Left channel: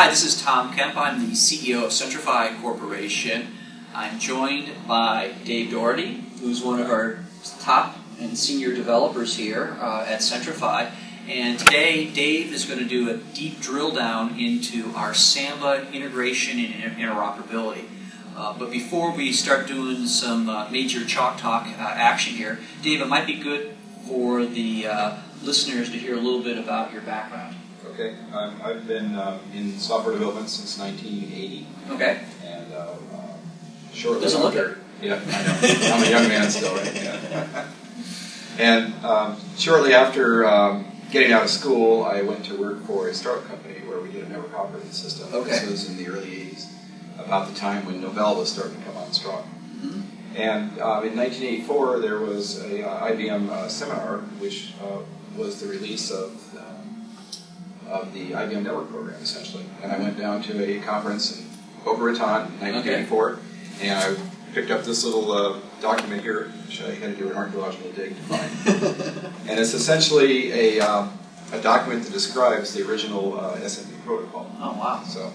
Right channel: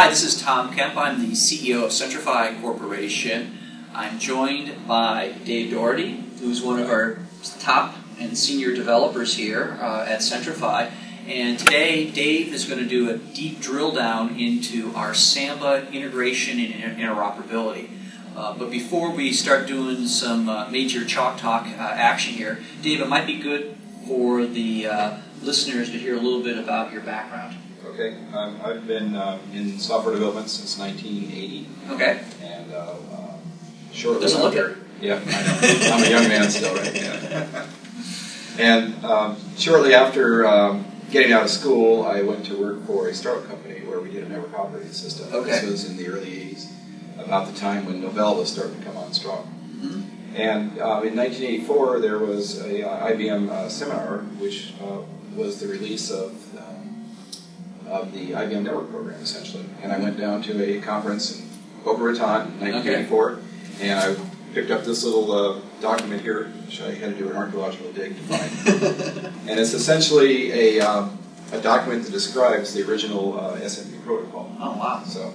Hi, this is Tom Kemp. I'm the CEO of Centrify Corporation. I'm joined by Dave Daugherty, who's one of our top and senior developers here at Centrify. And today, Dave is going to do a deep drill down into our Samba integration and interoperability. But before we start doing some major chalk talk action here, Dave, it might be good for the listeners to hear a little bit about your background. Okay, I've been in software development since 1980. Okay. And shortly doesn't look after, yeah, I know. I'm a young man still, right? Yeah. And shortly after getting out of school, I went to work for a startup company where we did a network operating system. Okay. This was in the early 80s, about the time when Novell was starting to come on strong. Mm-hmm. And in 1984, there was a IBM seminar, which was the release of the IBM network program, essentially. And I went down to a conference in Boca Raton in 1984, and I picked up this little document here, which I had to do an archaeological dig to find. And it's essentially a document that describes the original SMB protocol. Oh, wow. So,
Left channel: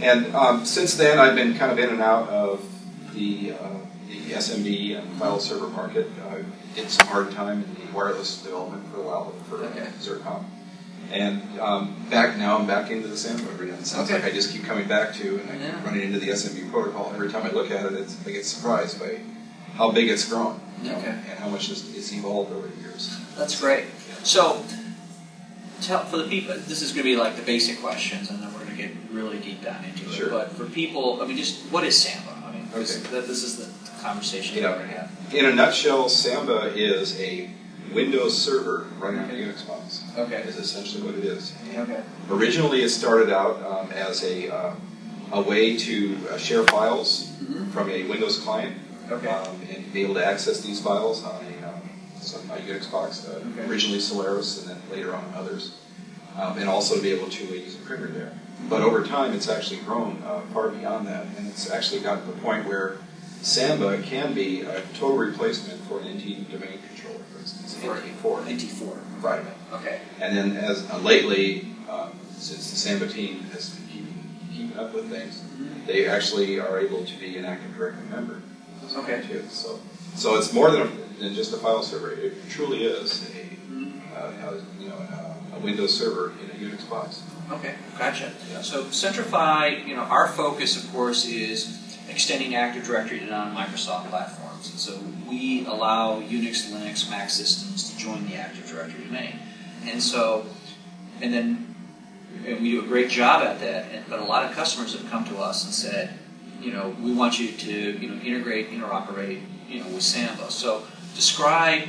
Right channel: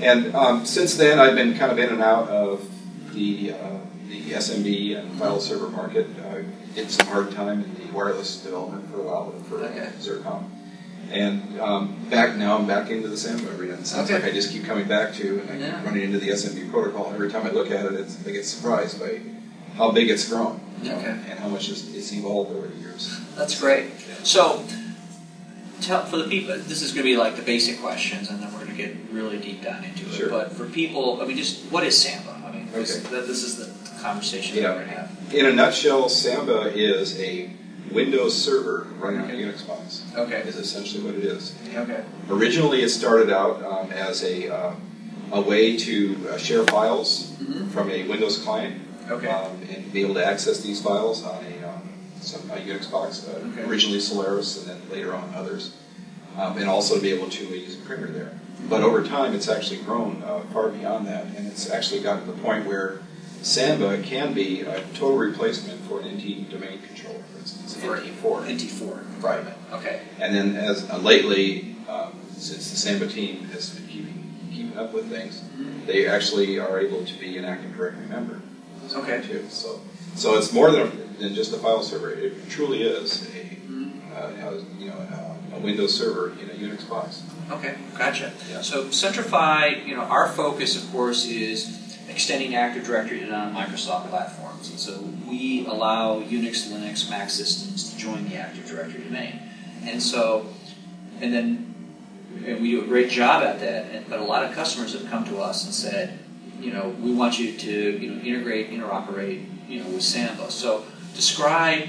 yeah. And since then, I've been kind of in and out of the SMB and file server market. I did some hard time in the wireless development for a while for Zircon. And I'm back into the Samba arena. It sounds like I just keep coming back to, and I keep running into the SMB protocol. And every time I look at it, I get surprised by how big it's grown, and how much it's evolved over the years. That's great. So, for the people, this is going to be like the basic questions, and then we're going to get really deep down into it. Sure. But for people, I mean, just what is Samba? I mean, this is the conversation that we're going to have. In a nutshell, Samba is a Windows server running on a Unix box. Okay. Is essentially what it is. Okay. Originally, it started out as a way to share files from a Windows client, and be able to access these files on a Unix box. Originally Solaris, and then later on others, and also to be able to use a printer there. But over time, it's actually grown far beyond that, and it's actually gotten to the point where Samba can be a total replacement for an NT domain controller, for instance, NT4. NT4. Right. Okay. And then as lately, since the Samba team has been keeping up with things, they actually are able to be an Active Directory member. Okay. Too. So it's more than just a file server. It truly is a Windows server in a Unix box. Okay, gotcha. Yeah. So Centrify, our focus, of course, is extending Active Directory to non-Microsoft platforms. And so we allow Unix, Linux, Mac systems to join the Active Directory domain. And then we do a great job at that, but a lot of customers have come to us and said, we want you to, integrate, interoperate, with Samba. So describe,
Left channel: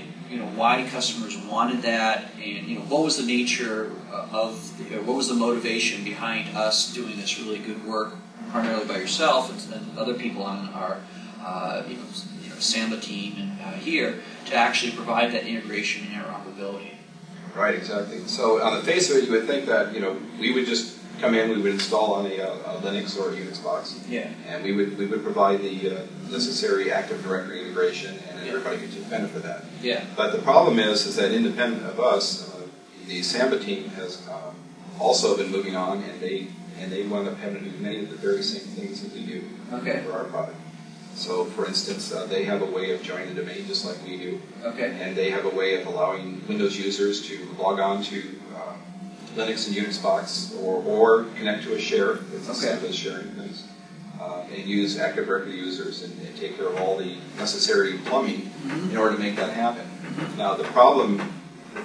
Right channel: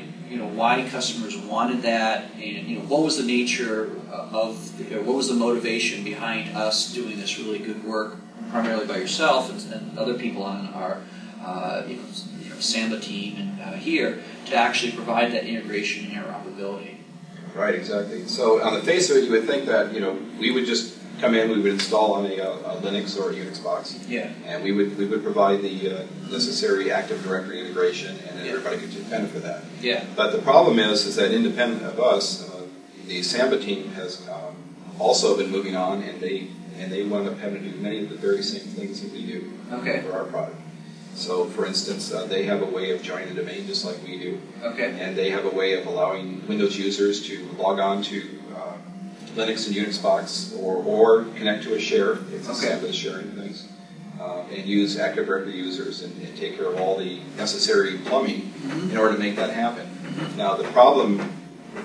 why customers wanted that, and, what was the nature what was the motivation behind us doing this really good work, primarily by yourself and other people on our, Samba team and here to actually provide that integration and interoperability. Right, exactly. So on the face of it, you would think that we would just come in, we would install on a Linux or a Unix box, and we would provide the necessary Active Directory integration, and then everybody could just benefit from that. Yeah. But the problem is that independent of us, the Samba team has also been moving on, and they wound up having to do many of the very same things that we do for our product. So, for instance, they have a way of joining the domain just like we do. Okay. And they have a way of allowing Windows users to log on to Linux and Unix box or connect to a share, if Samba is sharing things, and use Active Directory users and take care of all the necessary plumbing in order to make that happen. Now, the problem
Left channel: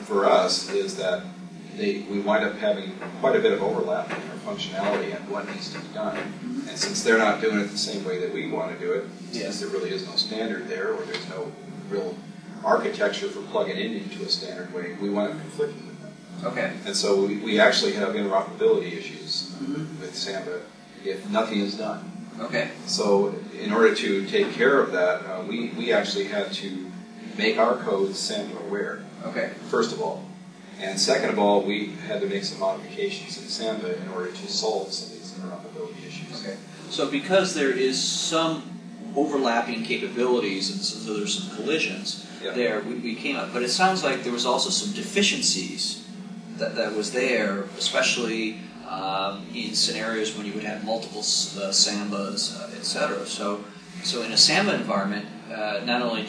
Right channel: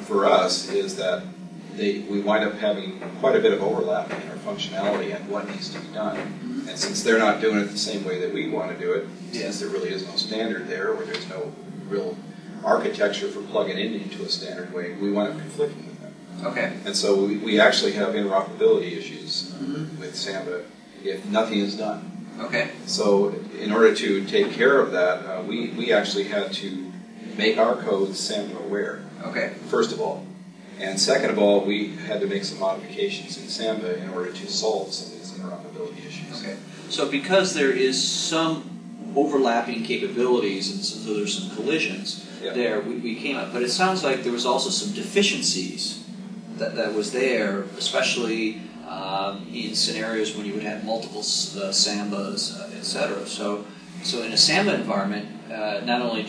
for us is that we wind up having quite a bit of overlap in our functionality and what needs to be done. And since they're not doing it the same way that we want to do it, since there really is no standard there, or there's no real architecture for plugging it into a standard way, we wind up conflicting with them. Okay. And so we actually have interoperability issues with Samba if nothing is done. Okay. So in order to take care of that, we actually had to make our code Samba aware. Okay. First of all. And second of all, we had to make some modifications in Samba in order to solve some of these interoperability issues. Okay. So because there is some overlapping capabilities, and so there's some collisions there, we came up. But it sounds like there was also some deficiencies that was there, especially in scenarios when you would have multiple Sambas, etc. So in a Samba environment, not only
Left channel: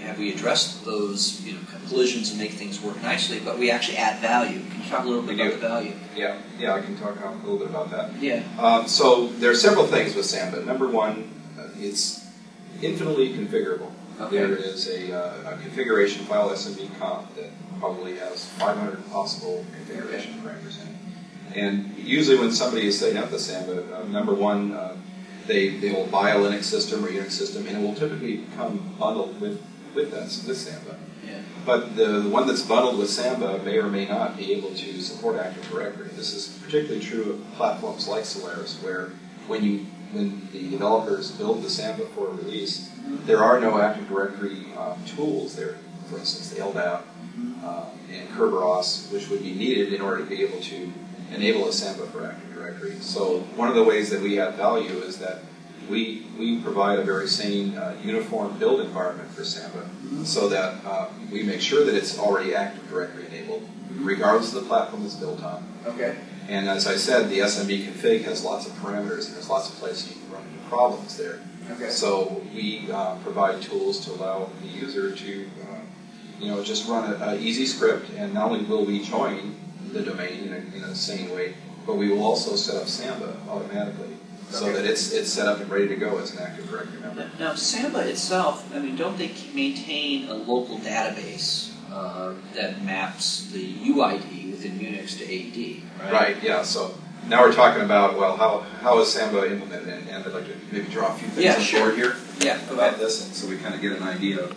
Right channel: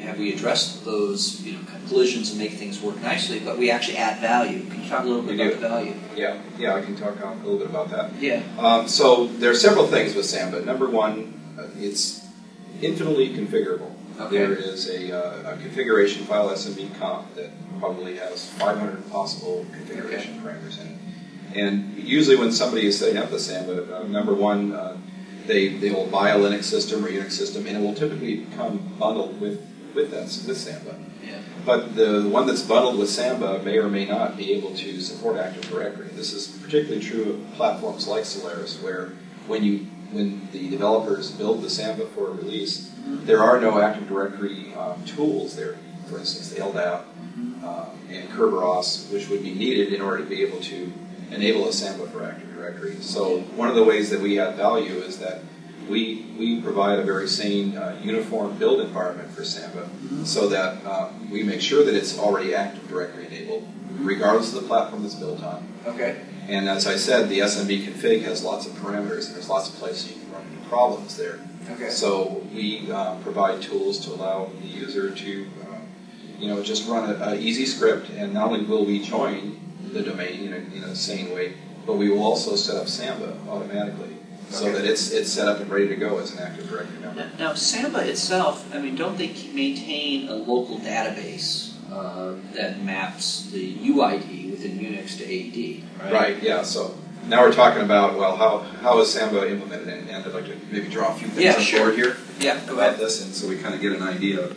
have we addressed those collisions and make things work nicely, but we actually add value. Can you talk a little bit about the value? Yeah, I can talk a little bit about that. Yeah. So there are several things with Samba. Number one, it's infinitely configurable. Okay. There is a configuration file, SMB comp, that probably has 500 possible configuration parameters in it. And usually when somebody is setting up the Samba, number one, they will buy a Linux system or Unix system, and it will typically come bundled with Samba. Yeah. But the one that's bundled with Samba may or may not be able to support Active Directory. This is particularly true of platforms like Solaris, where when the developers build the Samba for release, there are no Active Directory tools there. For instance, the LDAP and Kerberos, which would be needed in order to be able to enable a Samba for Active Directory. So one of the ways that we add value is that we provide a very sane, uniform build environment for Samba, so that we make sure that it's already Active Directory enabled, regardless of the platform it's built on. Okay. And as I said, the SMB config has lots of parameters, and there's lots of places you can run into problems there. Okay. So we provide tools to allow the user to, just run an easy script, and not only will we join the domain in a sane way, but we will also set up Samba automatically, so that it's set up and ready to go as an Active Directory member. Now, Samba itself, don't they maintain a local database that maps the UID within Unix to AD, right? Right, yeah. So now we're talking about, well, how is Samba implemented? And I'd like to maybe draw a few things on board here. Yeah, go ahead. This, and so we kind of get an idea of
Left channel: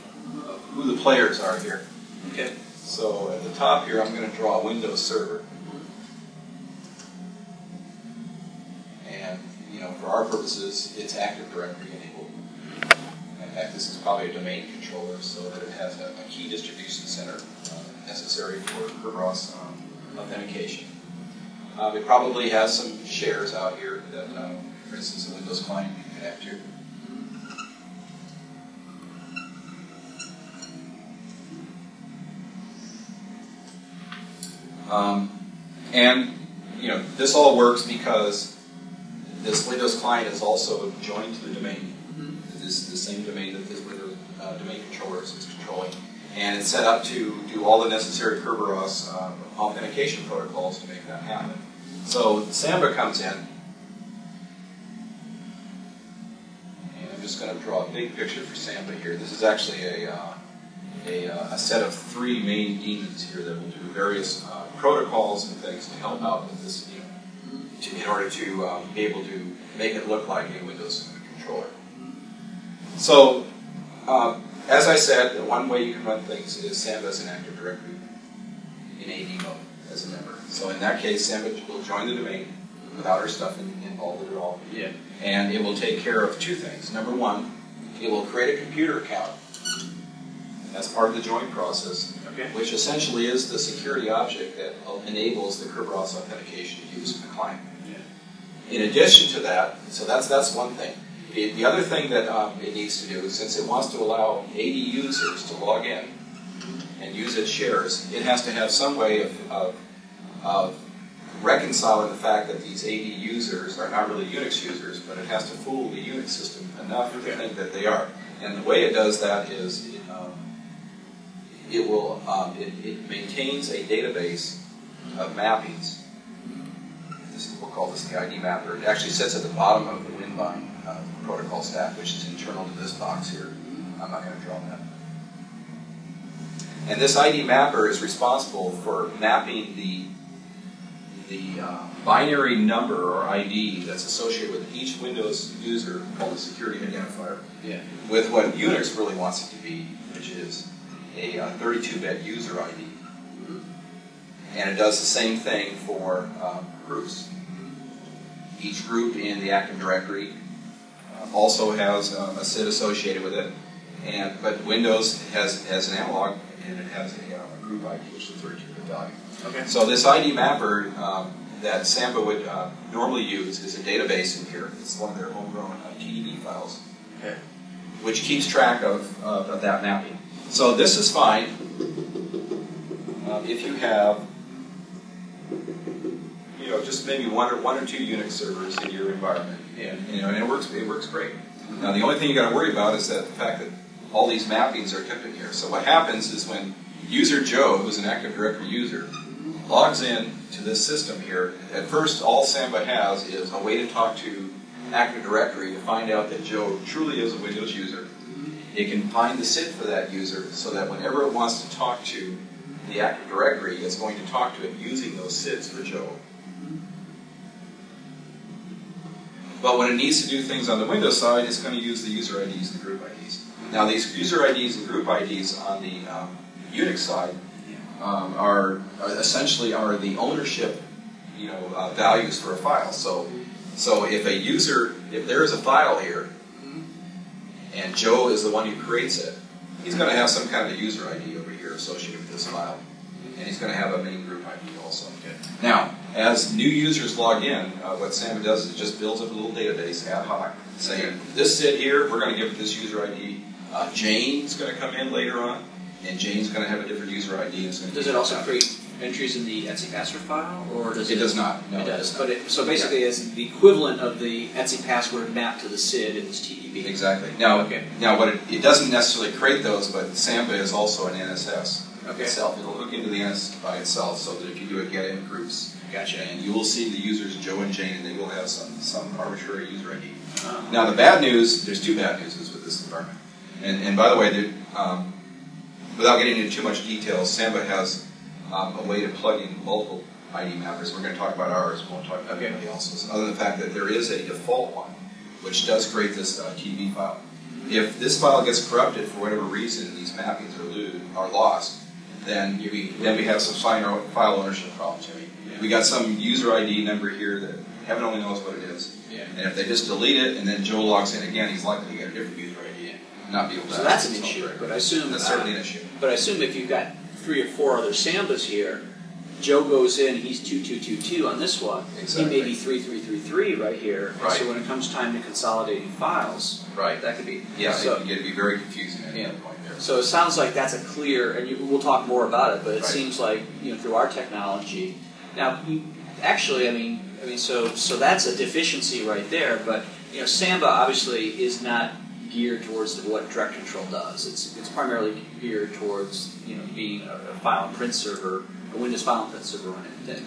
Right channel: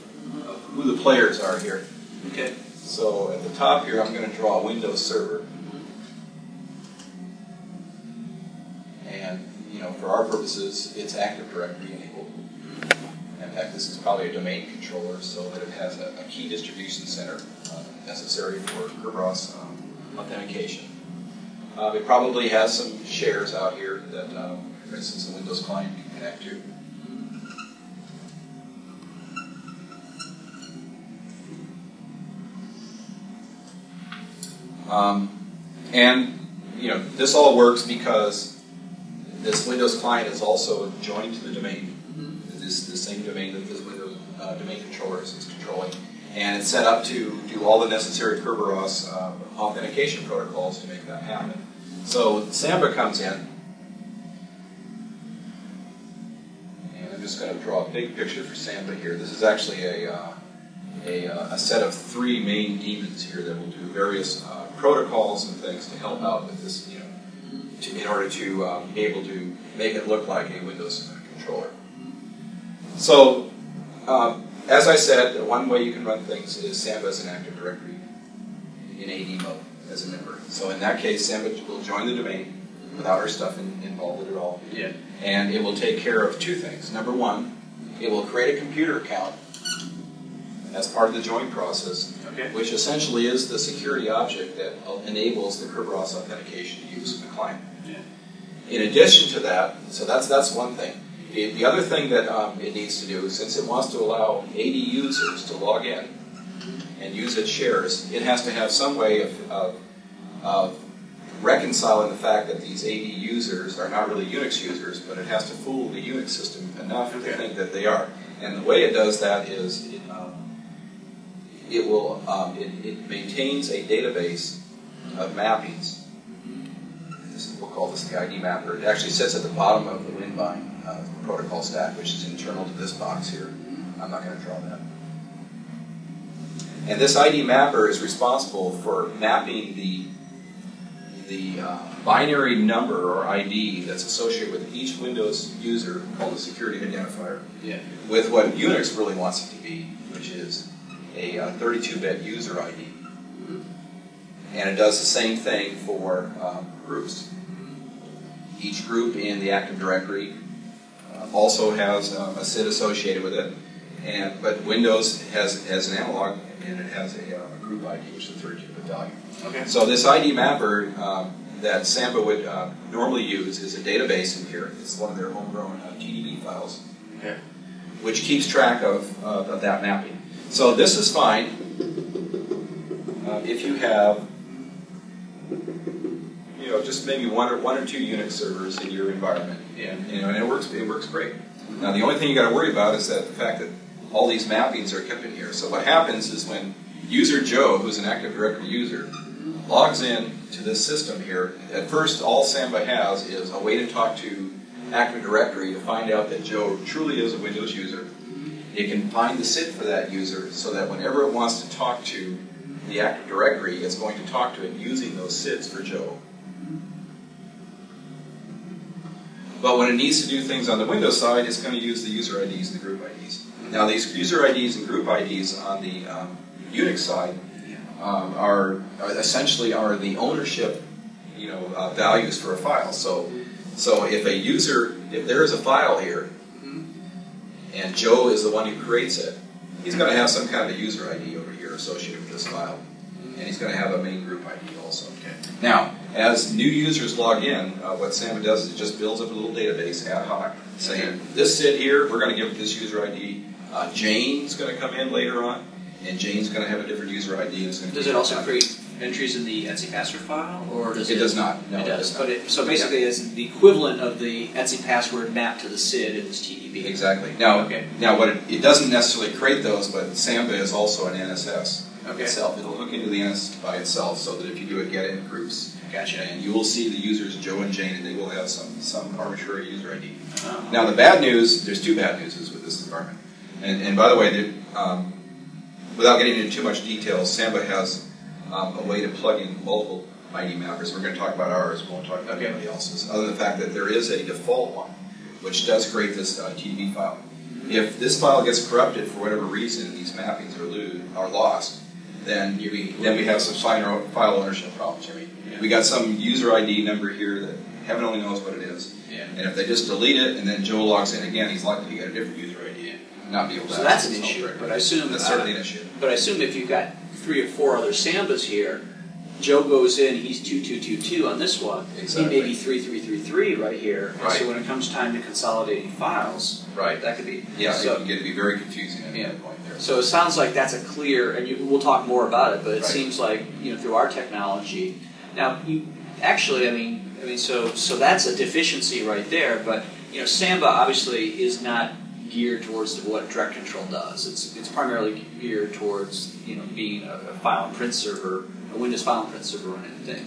who the players are here. Okay. So at the top here, I'm going to draw a Windows server. And, for our purposes, it's Active Directory enabled. In fact, this is probably a domain controller, so that it has a key distribution center necessary for Kerberos authentication. It probably has some shares out here that, for instance, a Windows client can connect to. This all works because this Windows client is also joined to the domain. It is the same domain that this Windows domain controller is controlling. And it's set up to do all the necessary Kerberos authentication protocols to make that happen. So Samba comes in, and I'm just going to draw a big picture for Samba here. This is actually a set of 3 main daemons here that will do various protocols and things to help out with this, in order to be able to make it look like a Windows controller. So, as I said, one way you can run things is Samba as an Active Directory in AD mode as a member. So in that case, Samba will join the domain without our stuff involved at all. Yeah. And it will take care of 2 things. Number one, it will create a computer account as part of the join process, which essentially is the security object that enables the Kerberos authentication to use the client. Yeah. In addition to that, so that's one thing. The other thing that it needs to do, since it wants to allow AD users to log in and use its shares, it has to have some way of reconciling the fact that these AD users are not really Unix users, but it has to fool the Unix system enough to think that they are. And the way it does that is it maintains a database of mappings. We'll call this the ID mapper. It actually sits at the bottom of the Winbind protocol stack, which is internal to this box here. I'm not going to draw that. And this ID mapper is responsible for mapping the binary number or ID that's associated with each Windows user, called a security identifier, with what Unix really wants it to be, which is a 32-bit user ID. And it does the same thing for groups. Each group in the Active Directory also has a SID associated with it, but Windows has an analog, and it has a group ID, which is a 32-bit value. Okay. So this ID mapper that Samba would normally use is a database in here. It's one of their homegrown TDB files, which keeps track of that mapping. So this is fine if you have, just maybe one or two Unix servers in your environment, and it works great. Now the only thing you got to worry about is that the fact that all these mappings are kept in here. So what happens is when user Joe, who's an Active Directory user, logs in to this system here, at first all Samba has is a way to talk to Active Directory to find out that Joe truly is a Windows user. It can find the SID for that user so that whenever it wants to talk to the Active Directory, it's going to talk to it using those SIDs for Joe. But when it needs to do things on the Windows side, it's going to use the user IDs, the group IDs. Now these user IDs and group IDs on the Unix side are essentially the ownership, values for a file. So if there is a file here, and Joe is the one who creates it, he's going to have some kind of a user ID over here associated with this file, and he's going to have a main group ID also. Okay. Now, as new users log in, what Samba does is it just builds up a little database ad hoc, saying this SID here, we're going to give it this user ID. Jane's going to come in later on, and Jane's going to have a different user ID. Does it also create entries in the etc password file, or does it? It does not. No, it does. But so basically, it's the equivalent of the etc password mapped to the SID in this TDB. Exactly. Now, what it doesn't necessarily create those, but Samba is also an NSS itself. It'll hook into the NS by itself, so that if you do a get in groups, gotcha, and you will see the users Joe and Jane, and they will have some arbitrary user ID. Now, the bad news, there's two bad newses with this environment. And by the way, without getting into too much detail, Samba has a way to plug in multiple ID mappers. We're going to talk about ours. We won't talk about anybody else's. Other than the fact that there is a default one, which does create this TDB file. If this file gets corrupted for whatever reason, these mappings are lost, then we have some file ownership problems. We got some user ID number here that heaven only knows what it is. Yeah. And if they just delete it and then Joe logs in again, he's likely to get a different user ID and not be able to. So that's an issue. But I assume that's certainly an issue. But I assume if you've got 3 or 4 other Sambas here, Joe goes in, he's 2222 on this one. Exactly. He may be 3333 right here. Right. So when it comes time to consolidating files, that could be it can get to be very confusing at that point there. So it sounds like that's a clear, and we'll talk more about it. But it seems like through our technology. Now, so that's a deficiency right there. But Samba obviously is not geared towards what DirectControl does. It's primarily geared towards being a file and print server, a Windows file and print server or anything.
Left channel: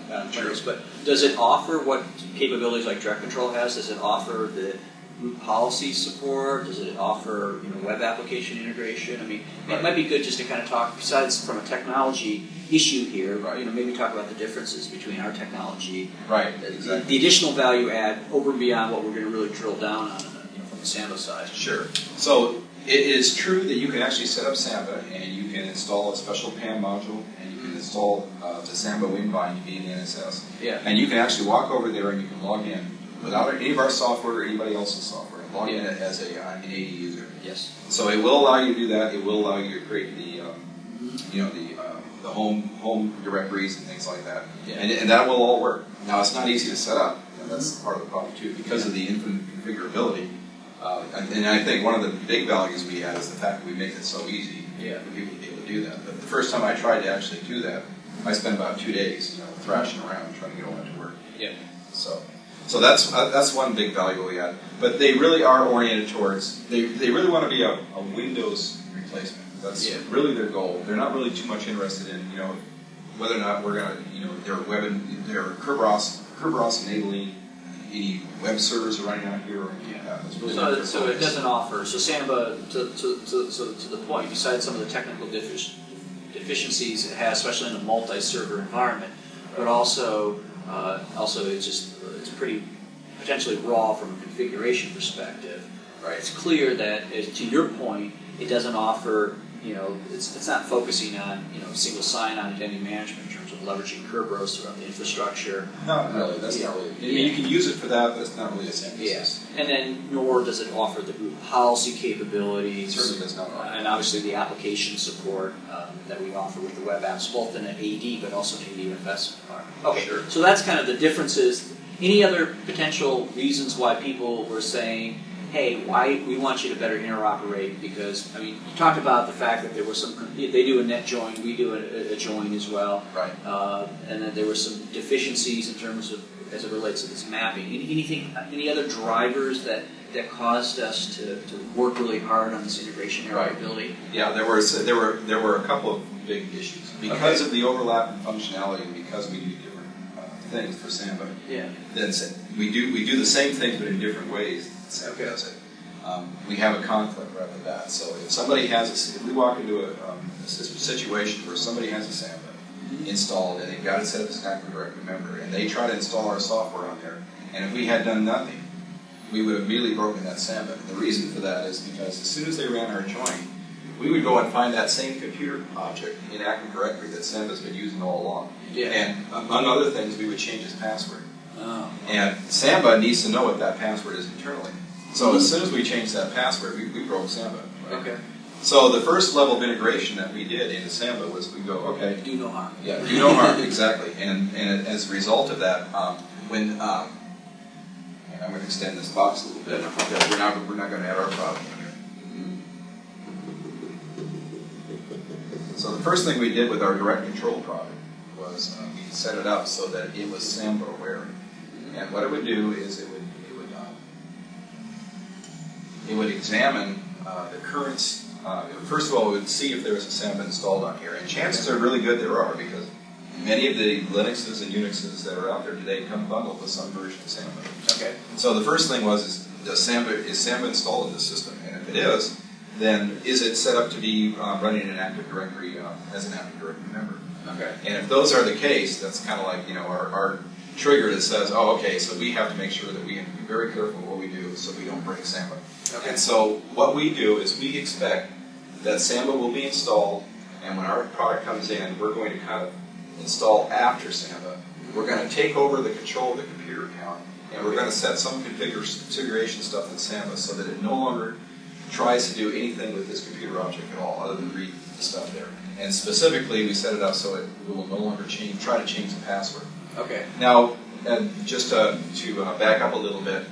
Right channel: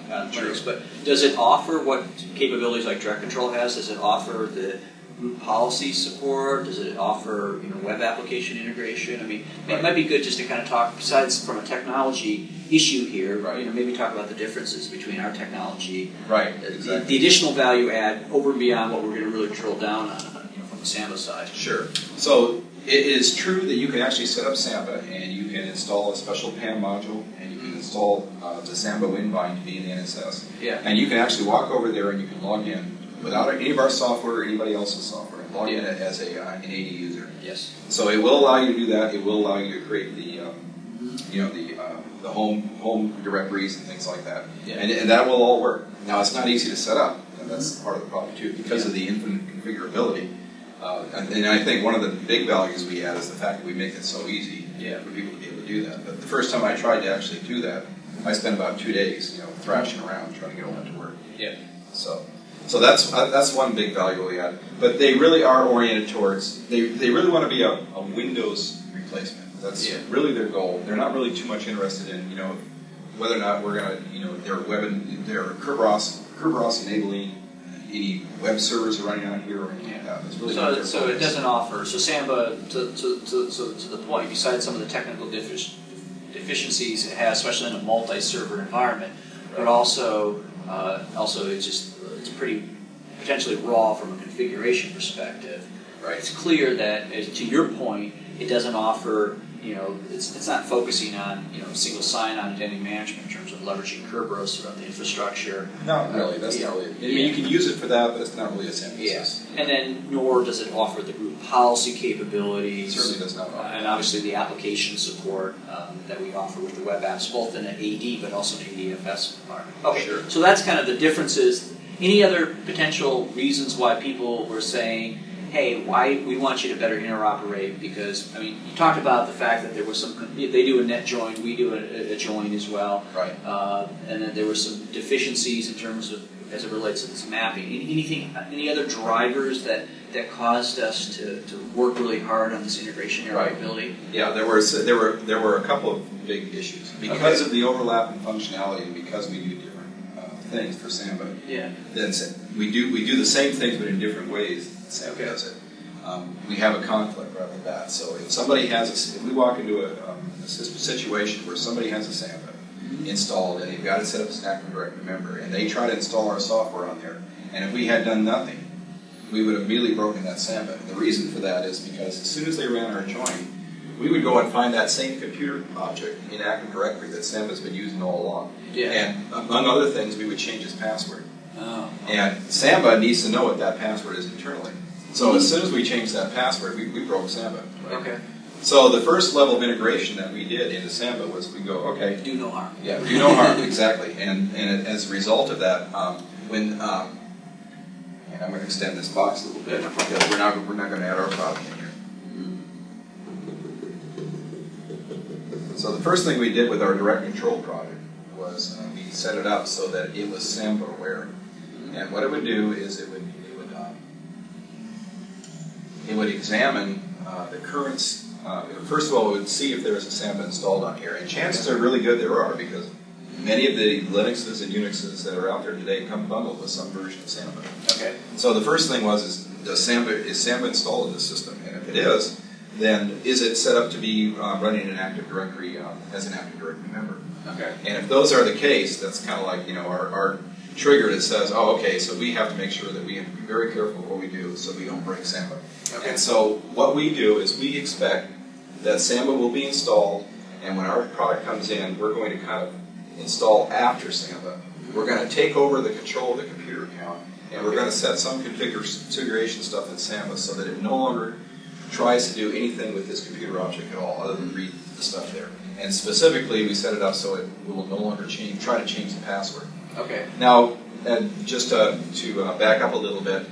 But does it offer what capabilities like DirectControl has? Does it offer the group policy support? Does it offer web application integration? It might be good just to kind of talk, besides from a technology issue here, maybe talk about the differences between our technology, the additional value add over and beyond what we're going to really drill down on from the Samba side. Sure. So it is true that you can actually set up Samba and you can install a special PAM module and you can install the Samba WinBind to be in the NSS. Yeah. And you can actually walk over there and you can log in without any of our software or anybody else's software. Log in as an AD user. Yes. So it will allow you to do that. It will allow you to create the home directories and things like that. Yeah. And that will all work. Now it's not easy to set up. That's part of the problem too because of the infinite configurability. And I think one of the big values we had is the fact that we make it so easy for people to be able to do that. But the first time I tried to actually do that, I spent about 2 days, thrashing around trying to get all that to work. Yeah. So that's one big value we had. But they really are oriented towards they really want to be a Windows replacement. That's really their goal. They're not really too much interested in whether or not we're going to their Kerberos enabling any web servers running out here or anything like that. It's really so it doesn't offer. So Samba, to the point, besides some of the technical deficiencies it has, especially in a multi-server environment, but also it's pretty potentially raw from a configuration perspective. Right. It's clear that, to your point, it doesn't offer. It's not focusing on single sign-on identity management in terms of leveraging Kerberos throughout the infrastructure. Not really. That's not really. You can use it for that, but it's not really a same. Yes. And then, nor does it offer the group policy capabilities. It certainly does not offer. And obviously the application support that we offer with the web apps, both in an AD but also an ADFS environment. Okay. Sure. So that's kind of the differences. Any other potential reasons why people were saying, hey, we want you to better interoperate because, I mean, you talked about the fact that there was they do a net join, we do a join as well. Right. And then there were some deficiencies in terms of, as it relates to this mapping. Any other drivers that caused us to work really hard on this integration interoperability? Yeah, there were a couple of big issues. Because of the overlap in functionality and because we do different things for Samba, then we do the same things but in different ways. Samba does it. We have a conflict right with that. So if somebody if we walk into a situation where somebody has a Samba installed and they've got it set up as an Active Directory member and they try to install our software on there, and if we had done nothing, we would have immediately broken that Samba. The reason for that is because as soon as they ran our join, we would go and find that same computer object in Active Directory that Samba's been using all along. Yeah. And among other things, we would change his password. Oh. And Samba needs to know what that password is internally. So as soon as we changed that password, we broke Samba. Right? Okay. So the first level of integration that we did into Samba was we go, okay. Do no harm. Yeah, do no harm, exactly. And as a result of that, when I'm going to extend this box a little bit because we're not going to add our file in here. So the first thing we did with our DirectControl product was we set it up so that it was Samba aware. And what it would do is it would examine the currents. First of all, it would see if there is a Samba installed on here. And chances are really good there are because many of the Linuxes and Unixes that are out there today come bundled with some version of Samba. Okay. So the first thing is Samba installed in the system? And if it is, then is it set up to be running an Active Directory as an Active Directory member? Okay. And if those are the case, that's kind of like our trigger that says, oh, okay, so we have to make sure that we have to be very careful what we do so we don't break Samba. Okay. And so what we do is we expect that Samba will be installed, and when our product comes in, we're going to kind of install after Samba. We're going to take over the control of the computer account, and we're going to set some configuration stuff in Samba so that it no longer tries to do anything with this computer object at all other than read the stuff there. And specifically, we set it up so it will no longer try to change the password. Okay. Now, and just to back up a little bit,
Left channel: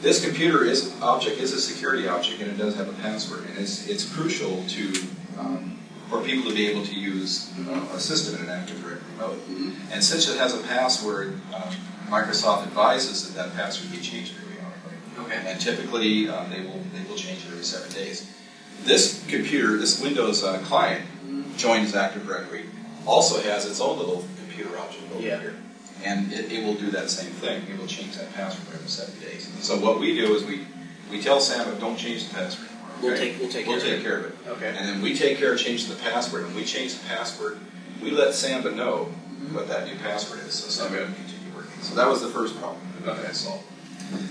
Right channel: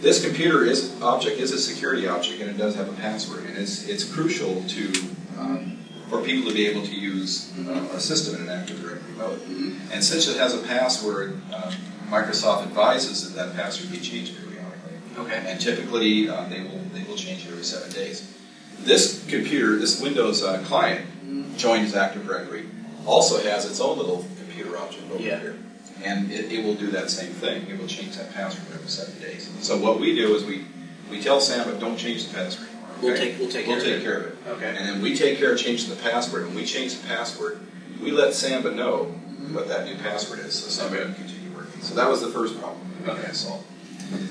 this computer object is a security object, and it does have a password. And it's crucial for people to be able to use a system in an Active Directory mode. Mm-hmm. And since it has a password, Microsoft advises that password be changed periodically. Okay. And typically, they will change it every 7 days. This computer, this Windows client, joined as Active Directory, also has its own little computer object over here. And it will do that same thing. It will change that password every 7 days. So what we do is we tell Samba, don't change the password anymore. Okay? We'll take care of it. Okay. And then we take care of changing the password. When we change the password, we let Samba know what that new password is, so Samba can continue working. So that was the first problem that we had to solve.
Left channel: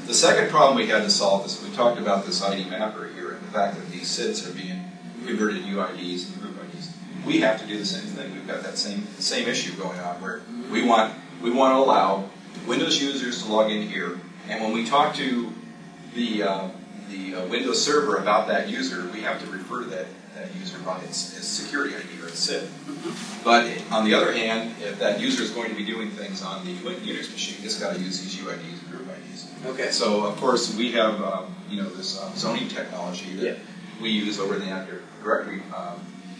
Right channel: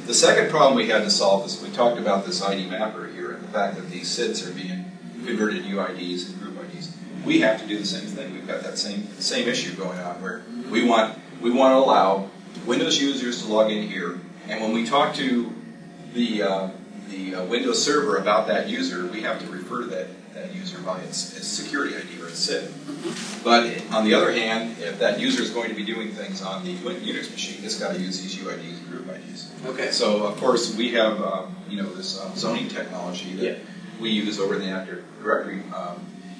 The second problem we had to solve is we talked about this ID mapper here and the fact that these SIDs are being converted to UIDs and group IDs. We have to do the same thing. We've got that same issue going on where we want to allow Windows users to log in here, and when we talk to the Windows server about that user, we have to refer to that user by its security ID or its SID. But on the other hand, if that user is going to be doing things on the Unix machine, it's got to use these UIDs and group IDs. Okay. So of course we have this zoning technology that we use over the Active Directory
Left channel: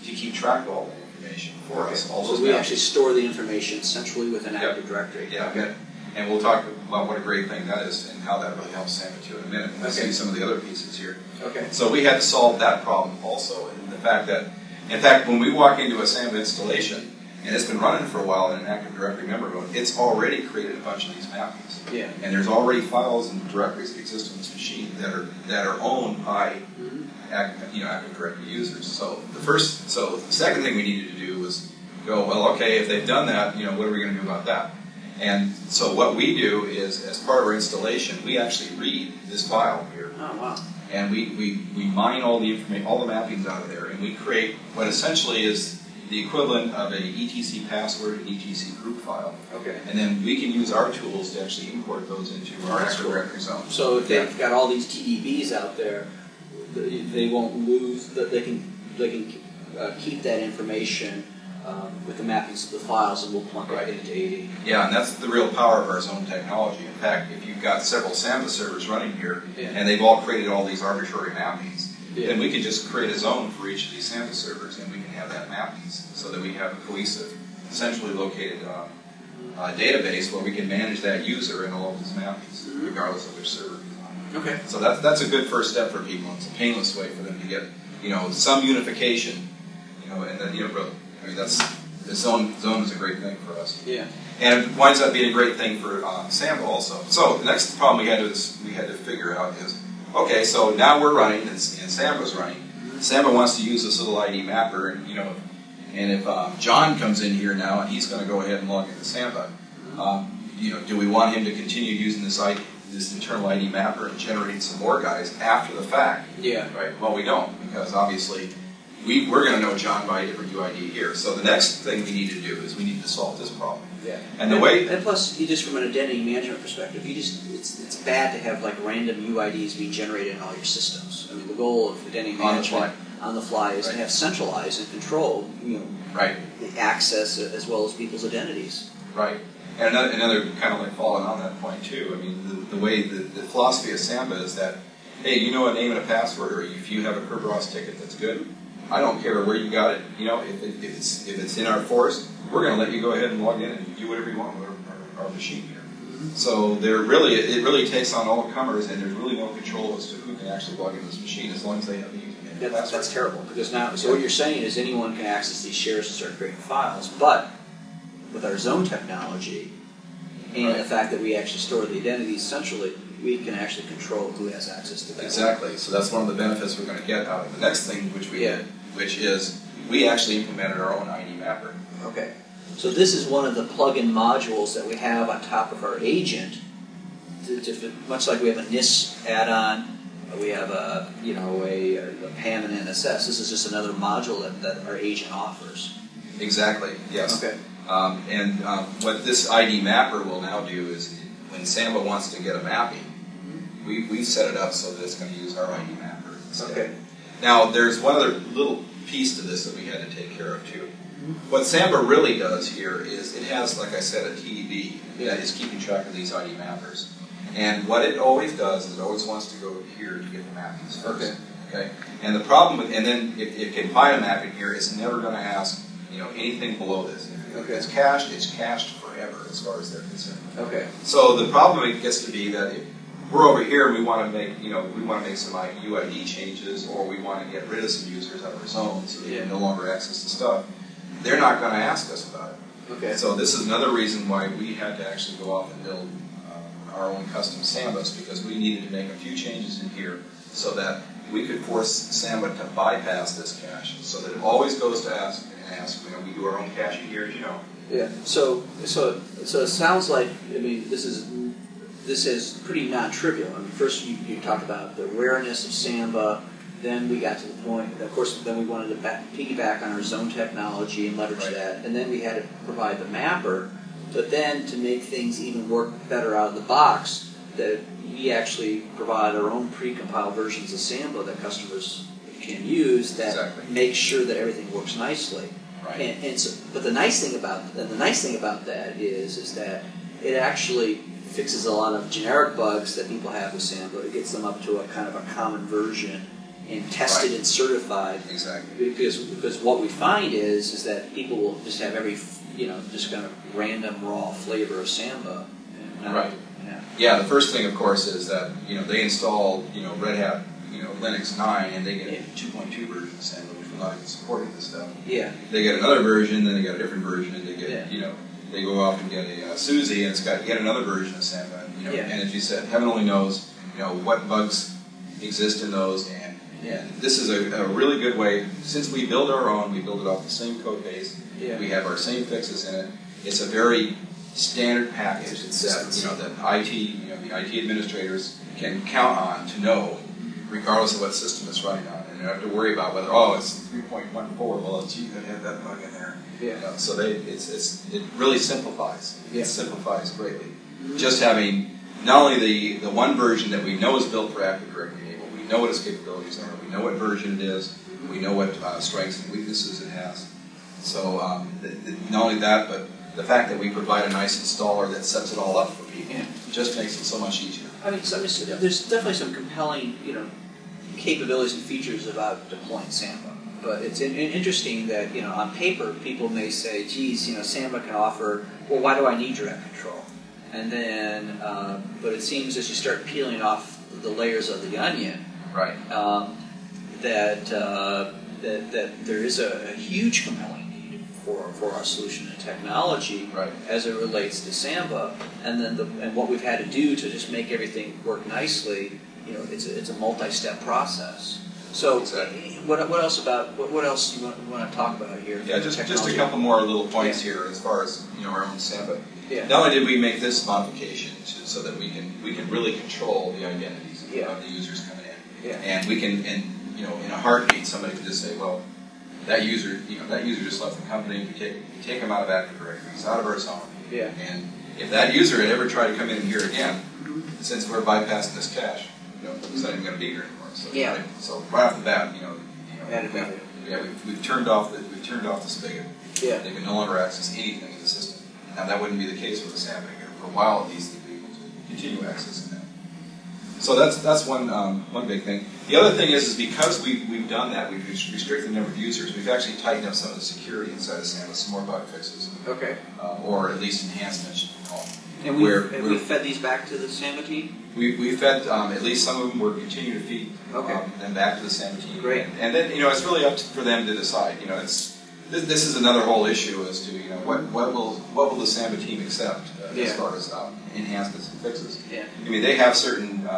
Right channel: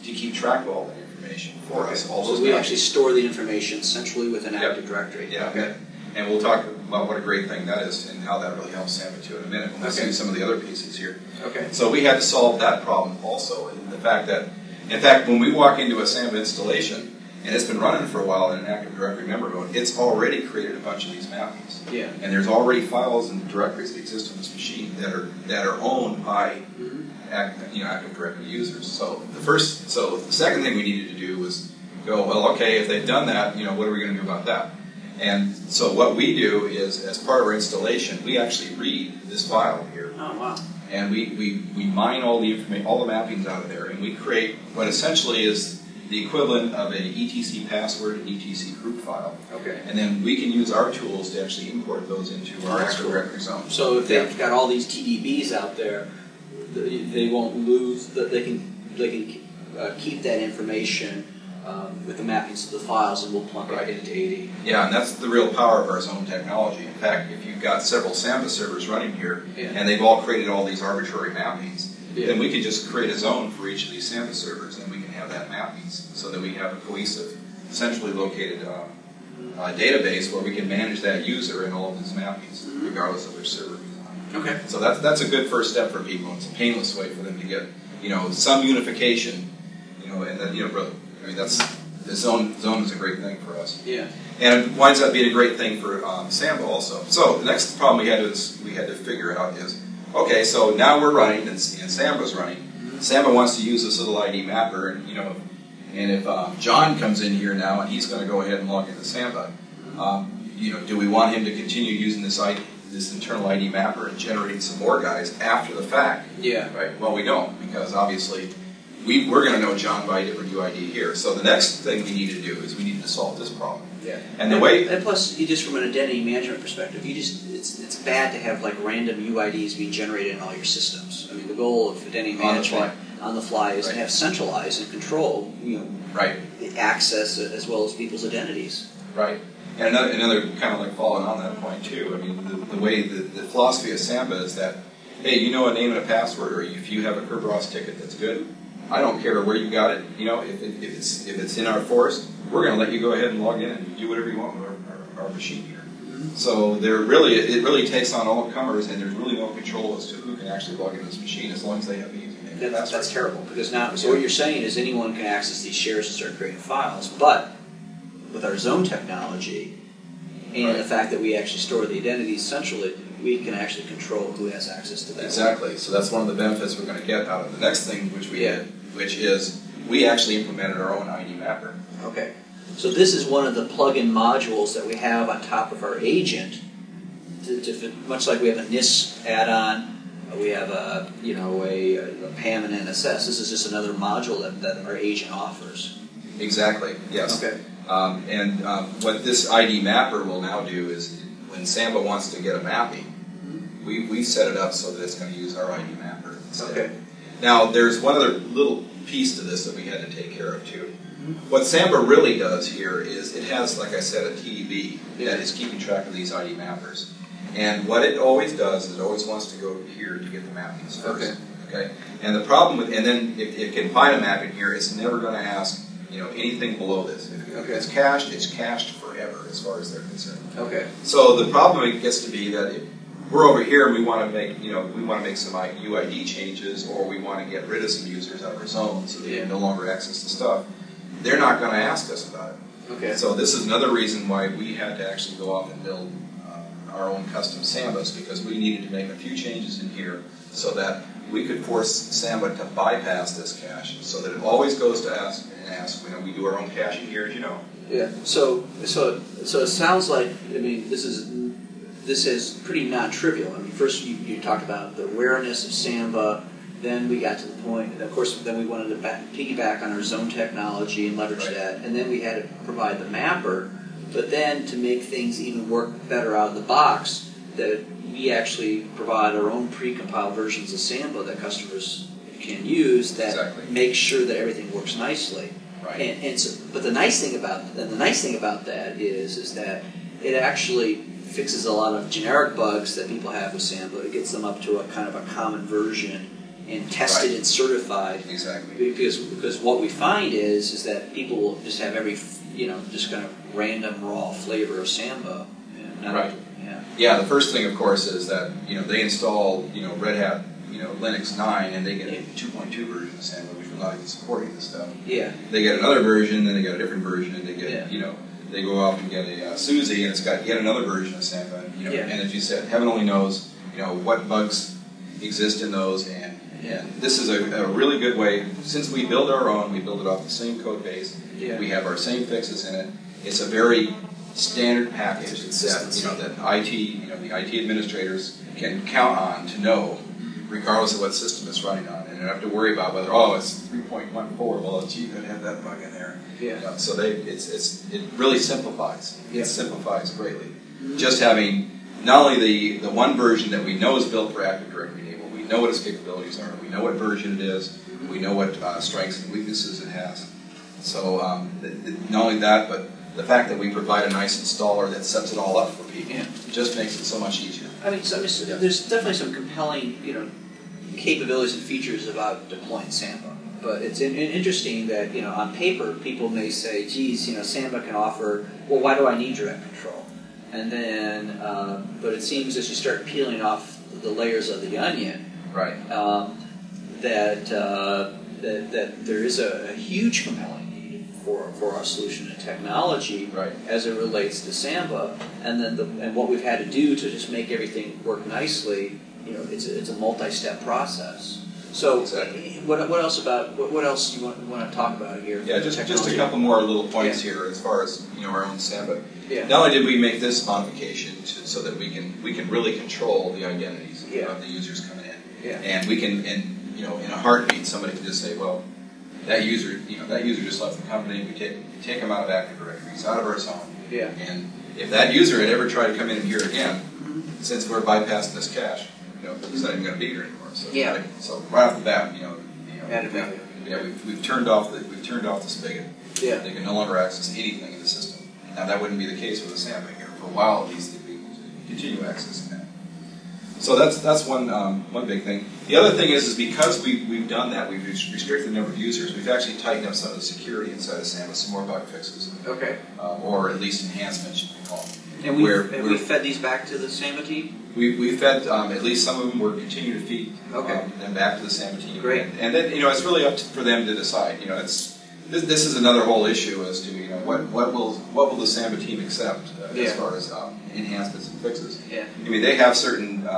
to keep track of all that information for us. All those we actually store the information centrally within Active Directory. Yeah. Okay. And we'll talk about what a great thing that is and how that really helps Samba too in a minute. We'll see some of the other pieces here. Okay. So we had to solve that problem also, and the fact that, in fact, when we walk into a Samba installation and it's been running for a while in an Active Directory member mode, it's already created a bunch of these mappings. Yeah. And there's already files and directories that exist on this machine that are owned by Active Directory users. So the second thing we needed to do was go, well, okay, if they've done that, what are we going to do about that? And so what we do is, as part of our installation, we actually read this file here. Oh, wow. And we mine all the information, all the mappings out of there, and we create what essentially is the equivalent of an etc password and etc group file. Okay. And then we can use our tools to actually import those into our Active Directory zone. So if they've got all these TDBs out there, they won't lose. They can keep that information with the mappings of the files, and we'll plug it into 80. Yeah, and that's the real power of our zone technology. In fact, if you've got several Samba servers running here, and they've all created all these arbitrary mappings, then we can just create a zone for each of these Samba servers, and we can have that mappings so that we have a cohesive, centrally located database where we can manage that user and all of his mappings, regardless of which server he's on. Okay. So that's a good first step for people. It's a painless way for them to get, some unification, and then, the zone is a great thing for us. Yeah. And it winds up being a great thing for Samba also. So the next problem we had to figure out is, okay, so now we're running and Samba's running. Samba wants to use this little ID mapper, and if John comes in here now and he's going to go ahead and log into Samba, do we want him to continue using this internal ID mapper and generating some more guys after the fact? Yeah. Right. Well, we don't, because obviously we're going to know John by a different UID here. So the next thing we need to do is we need to solve this problem. Yeah. And plus, just from an identity management perspective, it's bad to have like random UIDs being generated in all your systems. I mean, the goal of identity management on the fly is to have centralized and control, the access as well as people's identities. Right. And another kind of like following on that point too. I mean, the way the philosophy of Samba is that, hey, you know a name and a password, or if you have a Kerberos ticket, that's good. I don't care where you got it. If it's in our forest, we're going to let you go ahead and log in and do whatever you want with our machine here. So it really takes on all comers, and there's really no control as to who can actually log into this machine as long as they have a username and password. That's terrible, because now, so what you're saying is anyone can access these shares and start creating files, but with our zone technology and the fact that we actually store the identities centrally, we can actually control who has access to that. Exactly. So that's one of the benefits we're going to get out of the next thing which we did, which is we actually implemented our own ID mapper. Okay. So this is one of the plug-in modules that we have on top of our agent. Much like we have a NIS add-on, we have a PAM and NSS. This is just another module that our agent offers. Exactly. Yes. Okay. What this ID mapper will now do is, when Samba wants to get a mapping, we set it up so that it's going to use our ID mapper instead. Okay. Now, there's one other little piece to this that we had to take care of too. What Samba really does here is it has, like I said, a TDB that is keeping track of these ID mappers. And what it always does is it always wants to go here to get the mappings first. Okay. And the problem with, and then if it can find a mapping here, it's never going to ask anything below this. If it's cached forever as far as they're concerned. Okay. So the problem it gets to be that if we're over here and we want to make some UID changes, or we want to get rid of some users out of our zone so they can no longer access the stuff, they're not going to ask us about it. Okay. So this is another reason why we had to actually go off and build our own custom Sambas, because we needed to make a few changes in here so that we could force Samba to bypass this cache, so that it always goes to ask. We do our own caching here, as you know. Yeah. So it sounds like, this is pretty non-trivial. First you talked about the awareness of Samba. Then we got to the point, and of course, then we wanted to piggyback on our zone technology and leverage that. And then we had to provide the mapper. But then to make things even work better out of the box, that we actually provide our own pre-compiled versions of Samba that customers can use that make sure that everything works nicely. Right. But the nice thing about that is that it actually fixes a lot of generic bugs that people have with Samba. It gets them up to a kind of a common version and tested and certified. Exactly. Because what we find is that people will just have just kind of random raw flavor of Samba. Right. Yeah. The first thing, of course, is that they install Red Hat Linux 9, and they get a 2.2 version of Samba, which will not even supporting this stuff. Yeah. They get another version, then they get a different version, and they get they go off and get a Suzy, and it's got yet another version of Samba. And as you said, heaven only knows what bugs exist in those, and this is a really good way. Since we build our own, we build it off the same code base. Yeah. We have our same fixes in it. It's a very standard package that the IT administrators can count on to know, regardless of what system it's running on. And you don't have to worry about whether it's 3.14. Well, gee, they have that bug in there. Yeah. So it really simplifies. Yeah. It simplifies greatly. Just having not only the one version that we know is built for Active Directory enabled, we know what its capabilities are, we know what version it is, we know what strengths and weaknesses it has. So not only that, but the fact that we provide a nice installer that sets it all up for people just makes it so much easier. I mean, there's definitely some compelling, capabilities and features about deploying Samba. But it's interesting that, on paper, people may say, geez, Samba can offer, well, why do I need direct control? And then, but it seems as you start peeling off the layers of the onion, right, that there is a huge compelling need for our solution and technology, right, as it relates to Samba, and then and what we've had to do to just make everything work nicely. It's a multi-step process. So, exactly. what else do you want to talk about here? Yeah, just a couple more little points here as far as our own Samba. Yeah. Not only did we make this modification so that we can really control the identities of the users coming in, and we can, in a heartbeat, somebody can just say, well, that user just left the company. We take them out of Active Directory, he's out of our zone, and if that user had ever tried to come in here again, since we're bypassing this cache, he's not even going to be here anymore. So, so right off the bat, we've turned off the spigot. Yeah. They can no longer access anything in the system. Now that wouldn't be the case with a Samba here. For a while, at least, they'd be able to continue accessing that. So that's one big thing. The other thing is because we've done that, we've restricted the number of users. We've actually tightened up some of the security inside of Samba, some more bug fixes. Okay. Or at least enhancements, you can call them. And we fed these back to the Samba team? We fed, at least some of them, we're continuing to feed them back to the Samba team. Great. And then, it's really up for them to decide. This is another whole issue as to, what will the Samba team accept as far as enhancements and fixes. Yeah. I mean, they have certain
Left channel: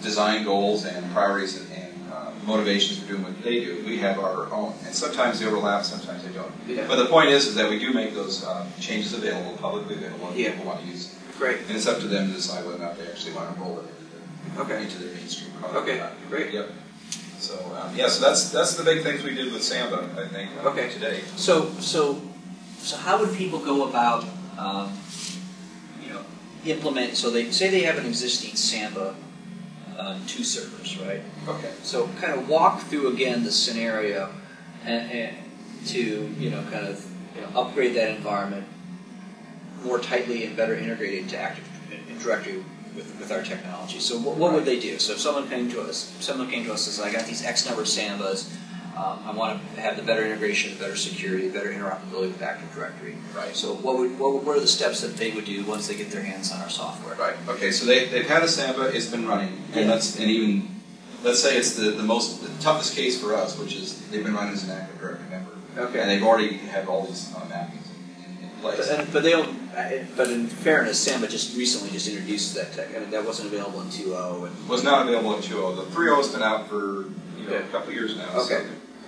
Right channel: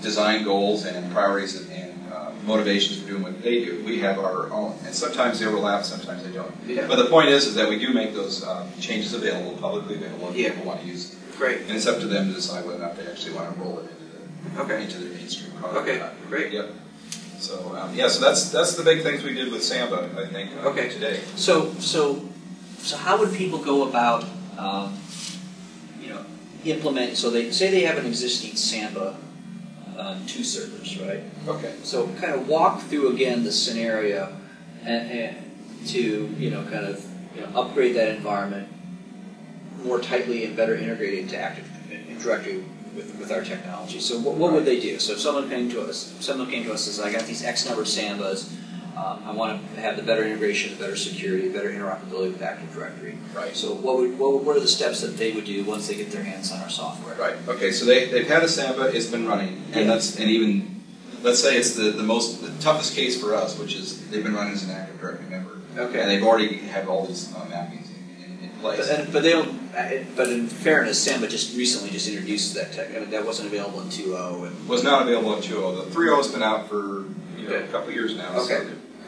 design goals and priorities and motivations for doing what they do. We have our own. And sometimes they overlap, sometimes they don't. Yeah. But the point is that we do make those changes available, publicly available, if people want to use it. Great. And it's up to them to decide whether or not they actually want to roll it into their mainstream product. Okay, great. Yep. So so that's the big things we did with Samba, I think, today. So how would people go about implement? So they say they have an existing Samba on 2 servers, right? Okay. So kind of walk through again the scenario and to kind of upgrade that environment more tightly and better integrated into Active Directory with our technology. So what would they do? So if someone came to us and says, I got these X number of Sambas, I want to have the better integration, the better security, the better interoperability with Active Directory. Right. So what are the steps that they would do once they get their hands on our software? Right. Okay. So they've had a Samba, it's been running, and let's say it's the toughest case for us, which is they've been running as an Active Directory member. Okay. And they've already have all these mappings in place. But in fairness, Samba recently introduced that tech. I mean, that wasn't available in 2.0. It was not available in 2.0. The 3.0 has been out for a couple of years now. Okay. So,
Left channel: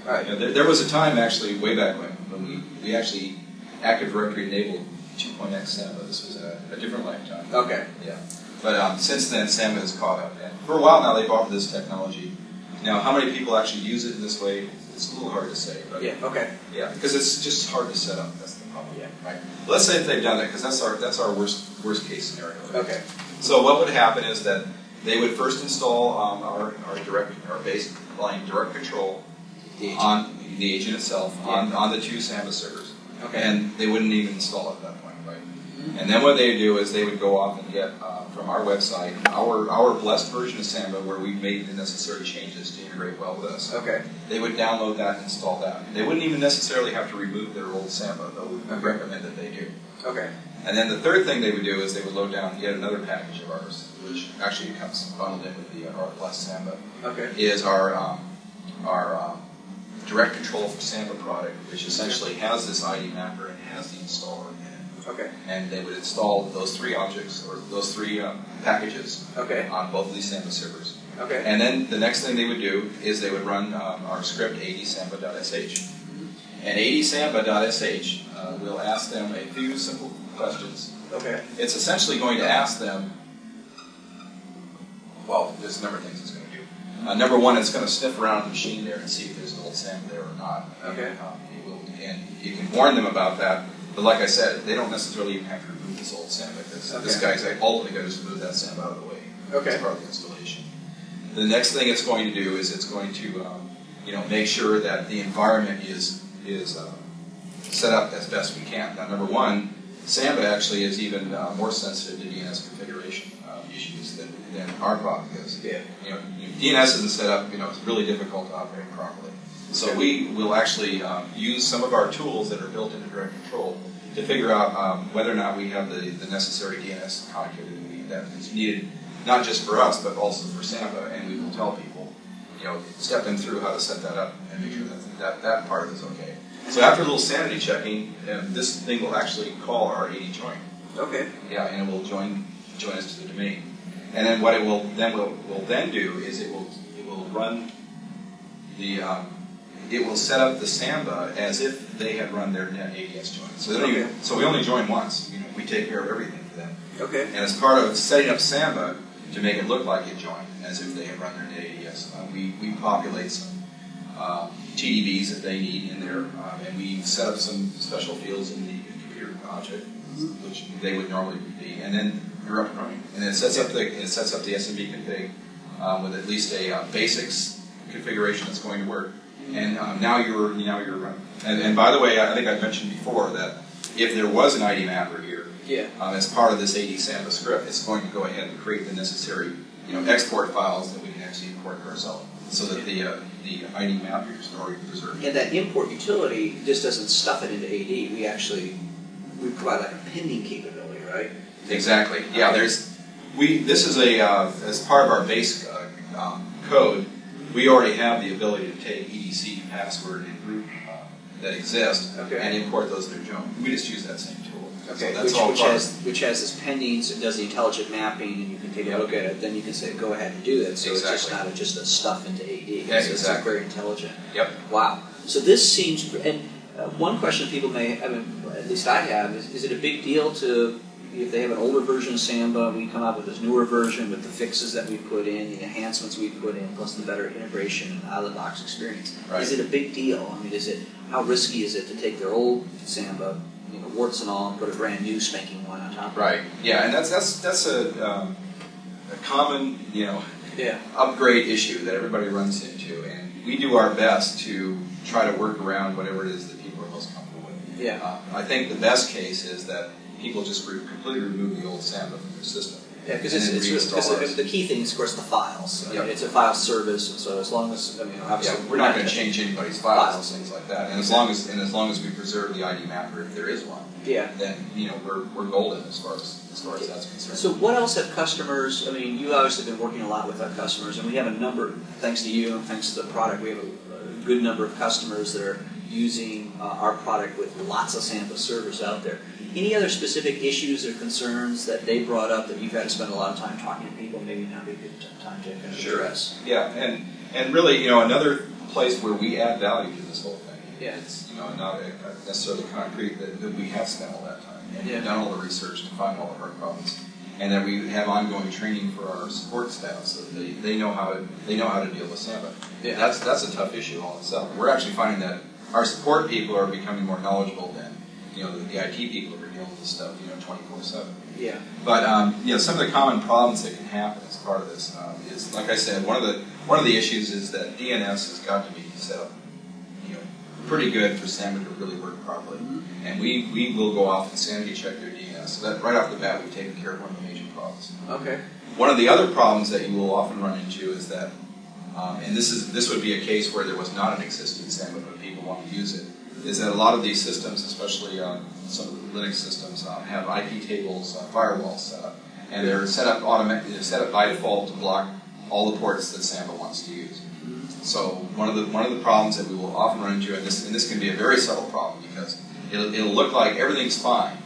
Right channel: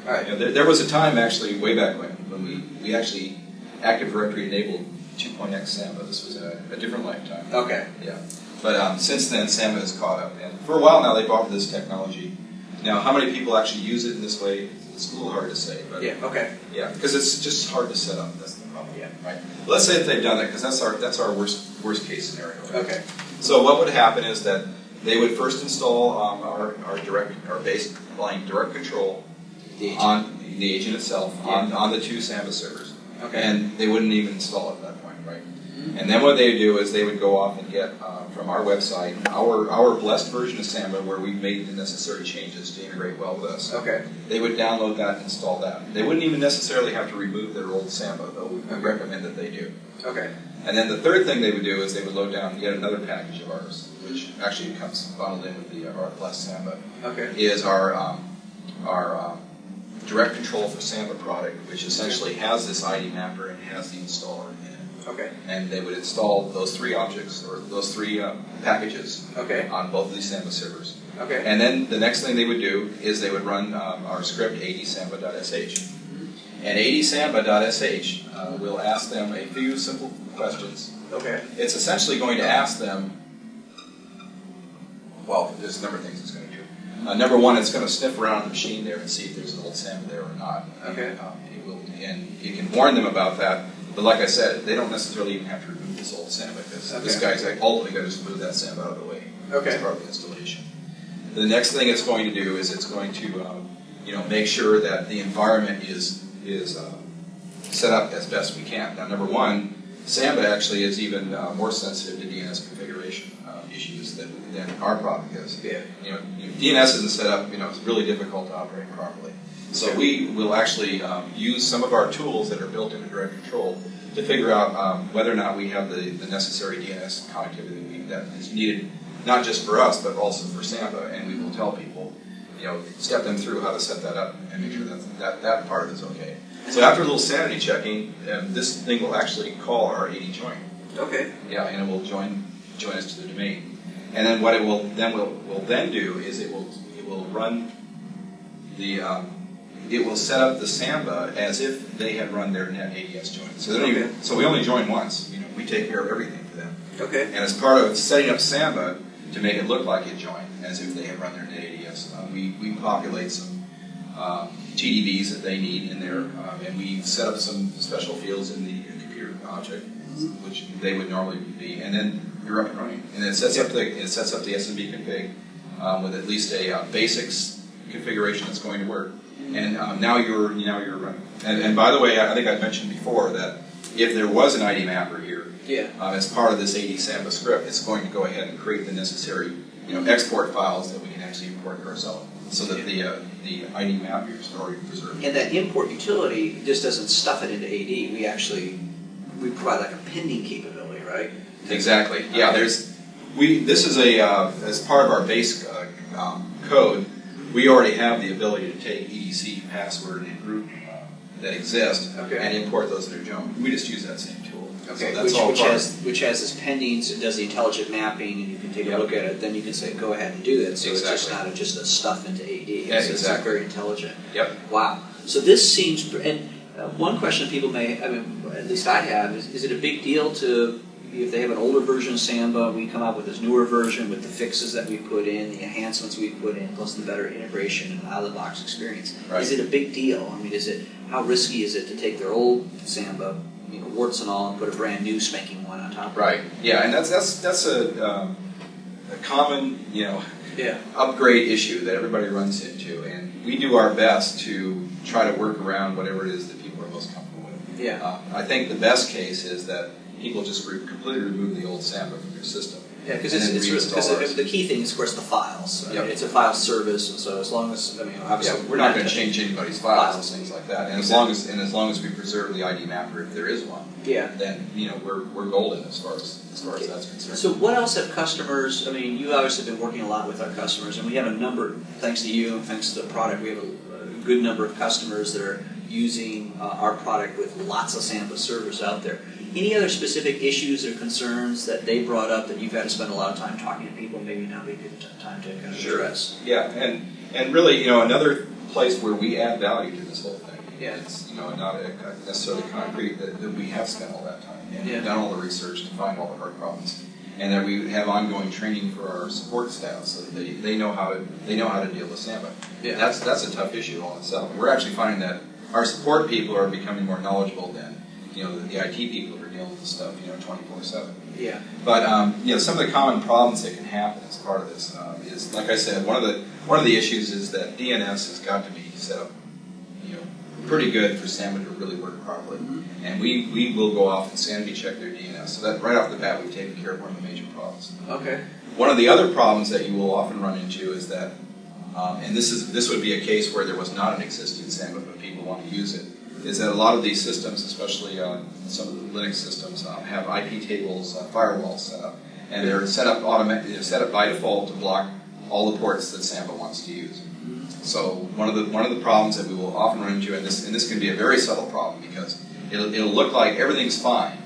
all right. There was a time actually way back when we actually Active Directory enabled 2.x Samba. This was a different lifetime. Okay. Yeah. But since then, Samba has caught up. And for a while now, they've offered this technology. Now, how many people actually use it in this way? It's a little hard to say. But okay. Yeah, because it's just hard to set up. That's the problem. Yeah. Right. Let's say that they've done that, because that's our worst case scenario. Right? Okay. So what would happen is that they would first install our basic line direct control on the agent itself on the 2 Samba servers. Okay. And they wouldn't even install it at that point, right? Mm-hmm. And then what they would do is they would go off and get from our website our blessed version of Samba, where we've made the necessary changes to integrate well with us. Okay. They would download that and install that. They wouldn't even necessarily have to remove their old Samba, though we recommend that they do. Okay. And then the third thing they would do is they would load down yet another package of ours, which actually comes bundled in with our blessed Samba. Okay. Is our direct control for Samba product, which essentially has this ID mapper and has the installer in it. Okay. And they would install those 3 objects, or those 3 packages on both of these Samba servers. Okay. And then the next thing they would do is they would run our script adsamba.sh. And adsamba.sh will ask them a few simple questions. Okay. It's essentially going to ask them, well, there's a number of things it's going to do. Number one, it's going to sniff around the machine there and see if there's an old Samba there or not. Okay. And you can warn them about that. But like I said, they don't necessarily even have to remove this old Samba, because this guy's ultimately going to just move that Samba out of the way as part of the installation. The next thing it's going to do is it's going to make sure that the environment is set up as best we can. Now, number one, Samba actually is even more sensitive to DNS configuration issues than our product is. Yeah. DNS isn't set up, it's really difficult to operate properly. So we will actually use some of our tools that are built into DirectControl to figure out whether or not we have the necessary DNS connectivity that is needed, not just for us, but also for Samba, and we will tell people, step them through how to set that up and make sure that part is okay. So after a little sanity checking, this thing will actually call our AD join. Okay. Yeah, and it will join us to the domain. And then what it will then do is it will run the it will set up the Samba as if they had run their net ADS join. So we only join once. We take care of everything for them. Okay. And as part of setting up Samba to make it look like it joined as if they had run their net ADS, we populate some TDBs that they need in there, and we set up some special fields in the computer object, which they would normally be, and then you're up and running. And it sets up the SMB config with at least a basics configuration that's going to work. And now you're running. And by the way, I think I mentioned before that if there was an ID mapper here, as part of this AD Samba script, it's going to go ahead and create the necessary export files that we can actually import to our zone, so that the ID mapper is already preserved. And that import utility just doesn't stuff it into AD. We provide like a pending capability, right? Exactly. Yeah. This is as part of our base code. We already have the ability to take EDC, password, and group that exist and import those that are junk. We just use that same tool. Okay, So which has this pending, so it does the intelligent mapping, and you can take a look at it. Then you can say, go ahead and do this. So it's just not just a stuff into AD. It's very intelligent. Yep. Wow. So this seems. And one question people may, at least I have, is it a big deal to, if they have an older version of Samba, we come out with this newer version with the fixes that we put in, the enhancements we put in, plus the better integration and out-of-the-box experience. Right. Is it a big deal? How risky is it to take their old Samba, warts and all, and put a brand new spanking one on top of it? Right. Yeah, and that's a common upgrade issue that everybody runs into, and we do our best to try to work around whatever it is that people are most comfortable with. Yeah. I think the best case is that people just completely remove the old Samba from their system. Yeah, because the key thing is, of course, the files. It's a file service, and so as long as obviously we're not going to change anybody's files and things like that. And as long as we preserve the ID mapper, if there is one, then we're golden as far as that's concerned. So what else have customers? You obviously have been working a lot with our customers, and we have a number. Thanks to you, thanks to the product, we have a good number of customers that are using our product with lots of Samba servers out there. Any other specific issues or concerns that they brought up that you've had to spend a lot of time talking to people? Maybe now would be a good time to kind of address. Yeah, and really, another place where we add value to this whole thing. Yeah. It's not necessarily concrete that we have spent all that time and done all the research to find all the hard problems, and that we have ongoing training for our support staff so that they know how to deal with Samba. Yeah. That's a tough issue all itself. We're actually finding that our support people are becoming more knowledgeable than the IT people who are dealing with this stuff 24/7. Yeah. But some of the common problems that can happen as part of this is, like I said, one of the issues is that DNS has got to be set up pretty good for Samba to really work properly. Mm-hmm. And we will go off and sanity check their DNS. So that right off the bat, we've taken care of one of the major problems. Okay. One of the other problems that you will often run into is that, and this would be a case where there was not an existing Samba but people want to use it, is that a lot of these systems, especially some of the Linux systems, have IP tables, firewalls set up, and they're set up by default to block all the ports that Samba wants to use. So one of the problems that we will often run into, and this can be a very subtle problem because it'll look like everything's fine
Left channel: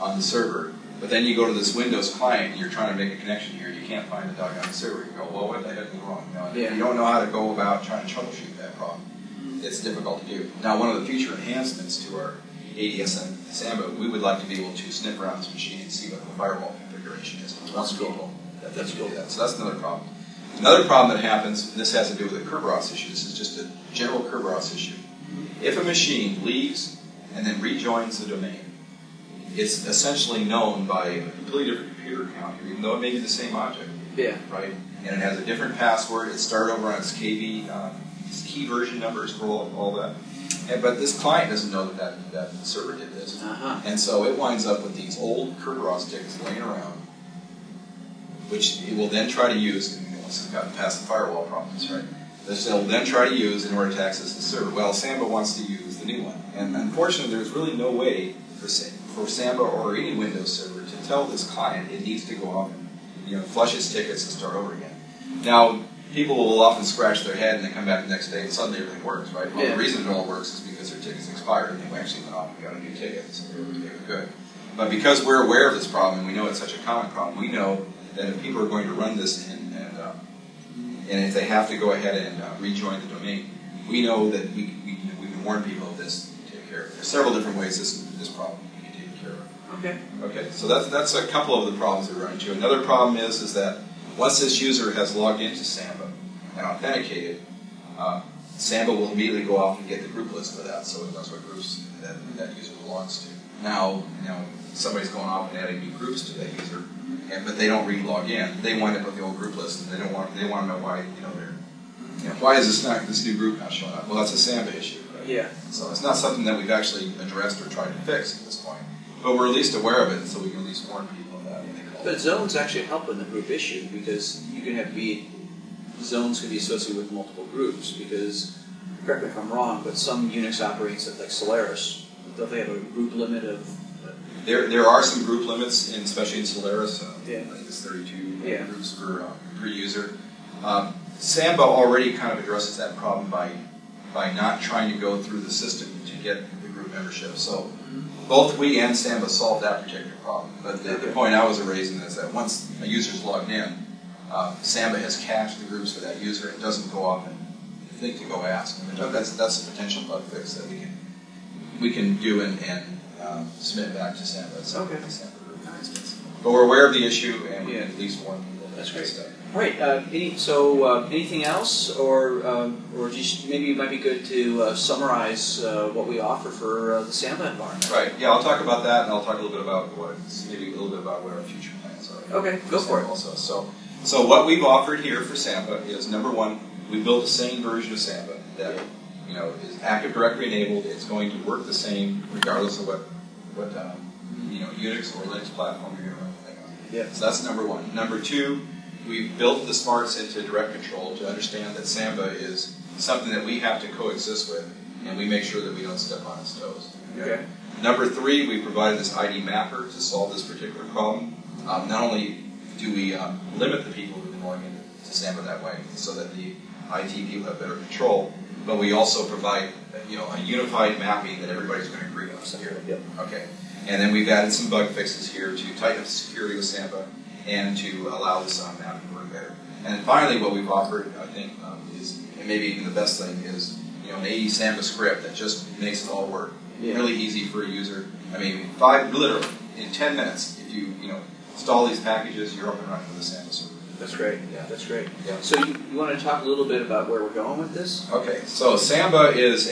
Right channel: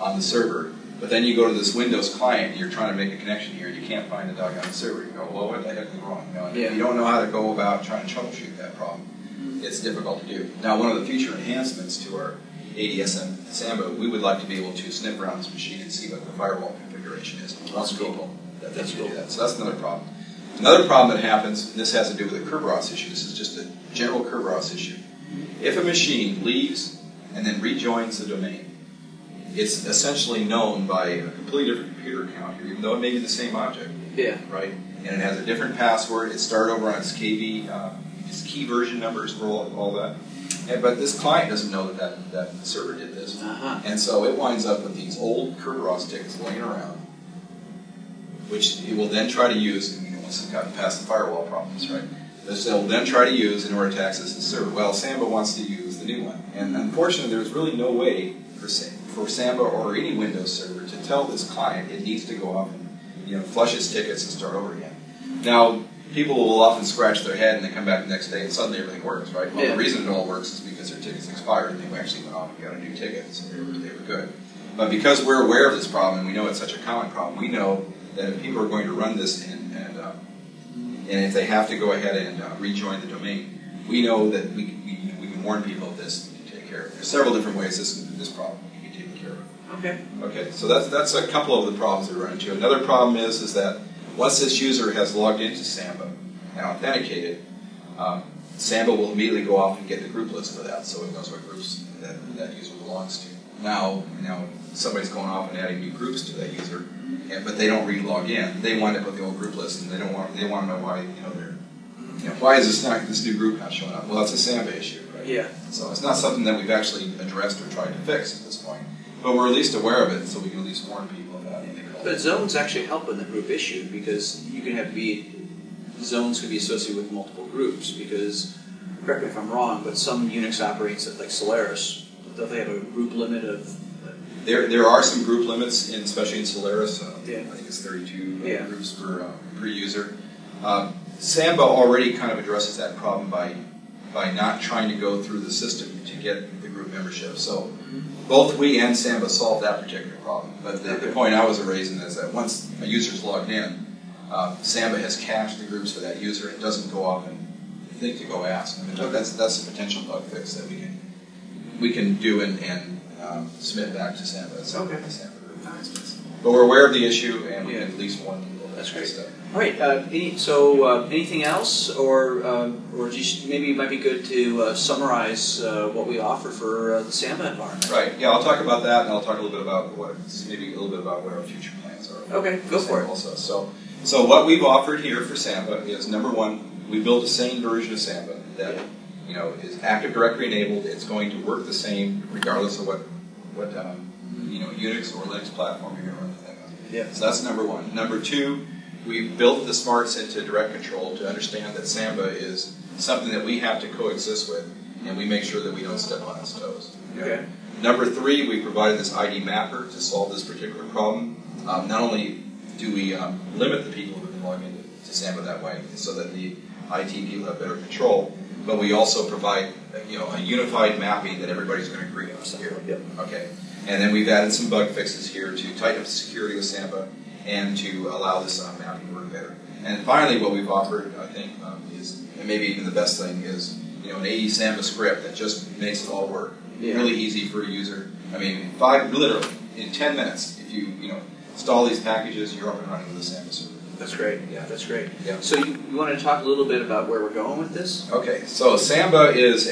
on the server, but then you go to this Windows client and you're trying to make a connection here, and you can't find the doggone server. You go, well, what the heck is wrong? If you don't know how to go about trying to troubleshoot that problem, it's difficult to do. Now, one of the future enhancements to our ADSM Samba, we would like to be able to snip around this machine and see what the firewall configuration is. That's cool. That's cool. So that's another problem. Another problem that happens, and this has to do with the Kerberos issue, this is just a general Kerberos issue. If a machine leaves and then rejoins the domain, it's essentially known by a completely different computer account here, even though it may be the same object. Yeah. Right? And it has a different password. It started over on its KB, its key version numbers for all that. but this client doesn't know that the server did this. And so it winds up with these old Kerberos tickets laying around, which it will then try to use, once it's gotten past the firewall problems, right? This they'll then try to use in order to access the server. Well, Samba wants to use the new one. And unfortunately, there's really no way for Samba or any Windows server to tell this client it needs to go off and flush its tickets and start over again. Now, people will often scratch their head and they come back the next day and suddenly everything works, right? Well, the reason it all works is because their tickets expired and they actually went off and got a new ticket, so they were good. But because we're aware of this problem and we know it's such a common problem, we know that if people are going to run this and if they have to go ahead and rejoin the domain, we know that we can warn people of this and take care of it. There's several different ways this problem can be taken care of. Okay, so that's a couple of the problems that we run into. Another problem is that once this user has logged into Samba and authenticated, Samba will immediately go off and get the group list for that, so it knows what groups that user belongs to. Now somebody's going off and adding new groups to that user, but they don't re-log in. They wind up with the old group list, and they want to know why why is this new group not showing up? Well, that's a Samba issue, right? Yeah. So it's not something that we've actually addressed or tried to fix at this point, but we're at least aware of it, so we can at least warn people of that. But zones actually help in the group issue because you can have zones can be associated with multiple groups. Because, correct me if I'm wrong, but some Unix operating like Solaris, don't they have a group limit of? There are some group limits, especially in Solaris. I think it's 32 groups per user. Samba already kind of addresses that problem by not trying to go through the system to get the group membership. So both we and Samba solved that particular problem. But the point I was raising is that once a user's logged in, Samba has cached the groups for that user. It doesn't go off and think to go ask. I mean, that's a potential bug fix that we can do and submit back to Samba. But we're aware of the issue, and we can at least warn people. That's great. All right. Anything else, or just maybe it might be good to summarize what we offer for the Samba environment. Right. Yeah, I'll talk about that, and I'll talk a little bit about what our future plans are. Okay. Go for it. Also, so what we've offered here for Samba is number one, we built a sane version of Samba that is Active Directory enabled. It's going to work the same regardless of what Unix or Linux platform you're going to run the thing on. Yeah. So that's number one. Number two, we've built the smarts into DirectControl to understand that Samba is something that we have to coexist with, and we make sure that we don't step on its toes. Okay. Number three, we provided this ID mapper to solve this particular problem. Not only do we limit the people who are going into Samba that way, so that the IT people have better control, but we also provide a unified mapping that everybody's going to agree on here. Yep. Okay. And then we've added some bug fixes here to tighten up the security with Samba and to allow this mapping to work better. And finally, what we've offered, I think, is, and maybe even the best thing, is an 80 Samba script that just makes it all work. Yeah. Really easy for a user. I mean, literally, in 10 minutes, if you install these packages, you're up and running with a Samba server. That's great. Yeah, that's great. Yeah. So you want to talk a little bit about where we're going with this? Okay. So Samba is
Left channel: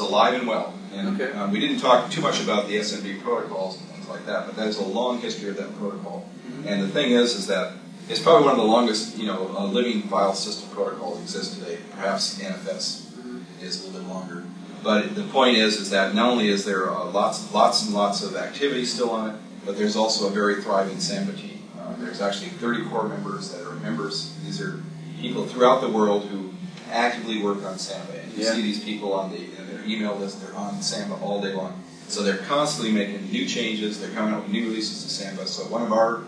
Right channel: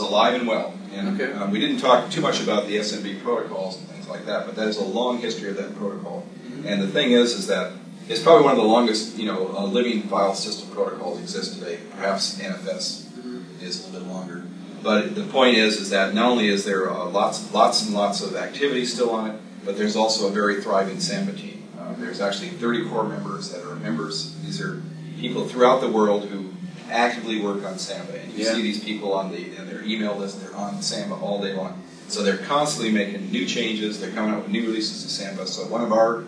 alive and well. And, okay. We didn't talk too much about the SMB protocols and things like that, but that is a long history of that protocol. Mm-hmm. And the thing is that it's probably one of the longest, living file system protocols exist today. Perhaps NFS is a little bit longer. But the point is that not only is there lots and lots of activity still on it, but there's also a very thriving Samba team. There's actually 30 core members that are members. These are people throughout the world who actively work on Samba. And you see these people on their email list. They're on Samba all day long. So they're constantly making new changes. They're coming out with new releases of Samba. So one of our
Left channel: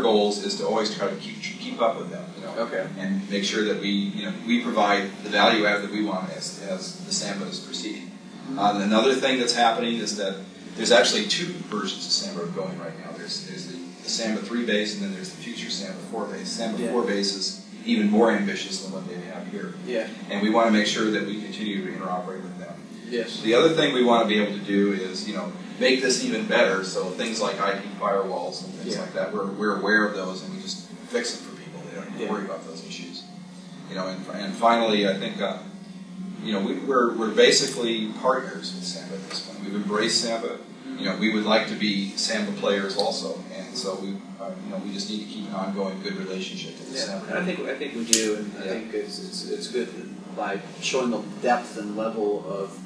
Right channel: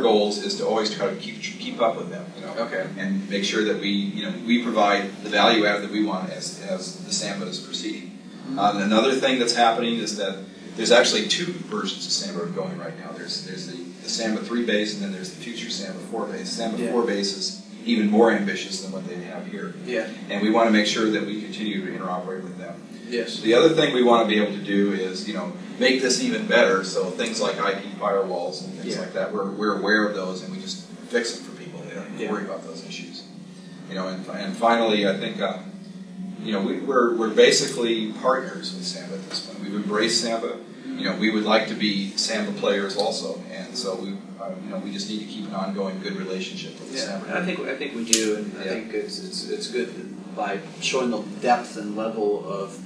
goals is to always try to keep up with them. Okay. And make sure that we provide the value add that we want as the Samba is proceeding. Mm-hmm. Another thing that's happening is that there's actually two versions of Samba going right now. There's the Samba 3 base, and then there's the future Samba 4 base. Samba 4 base is even more ambitious than what they have here. Yeah. And we want to make sure that we continue to interoperate with them. Yes. The other thing we want to be able to do is, make this even better. So things like IP firewalls and things like that, we're aware of those, and we just fix them for people. They don't have to worry about those issues. And finally, I think, we're basically partners with Samba at this point. We've embraced Samba. We would like to be Samba players also, and so we just need to keep an ongoing good relationship with Samba. I think we do, and I think it's good by showing the depth and level of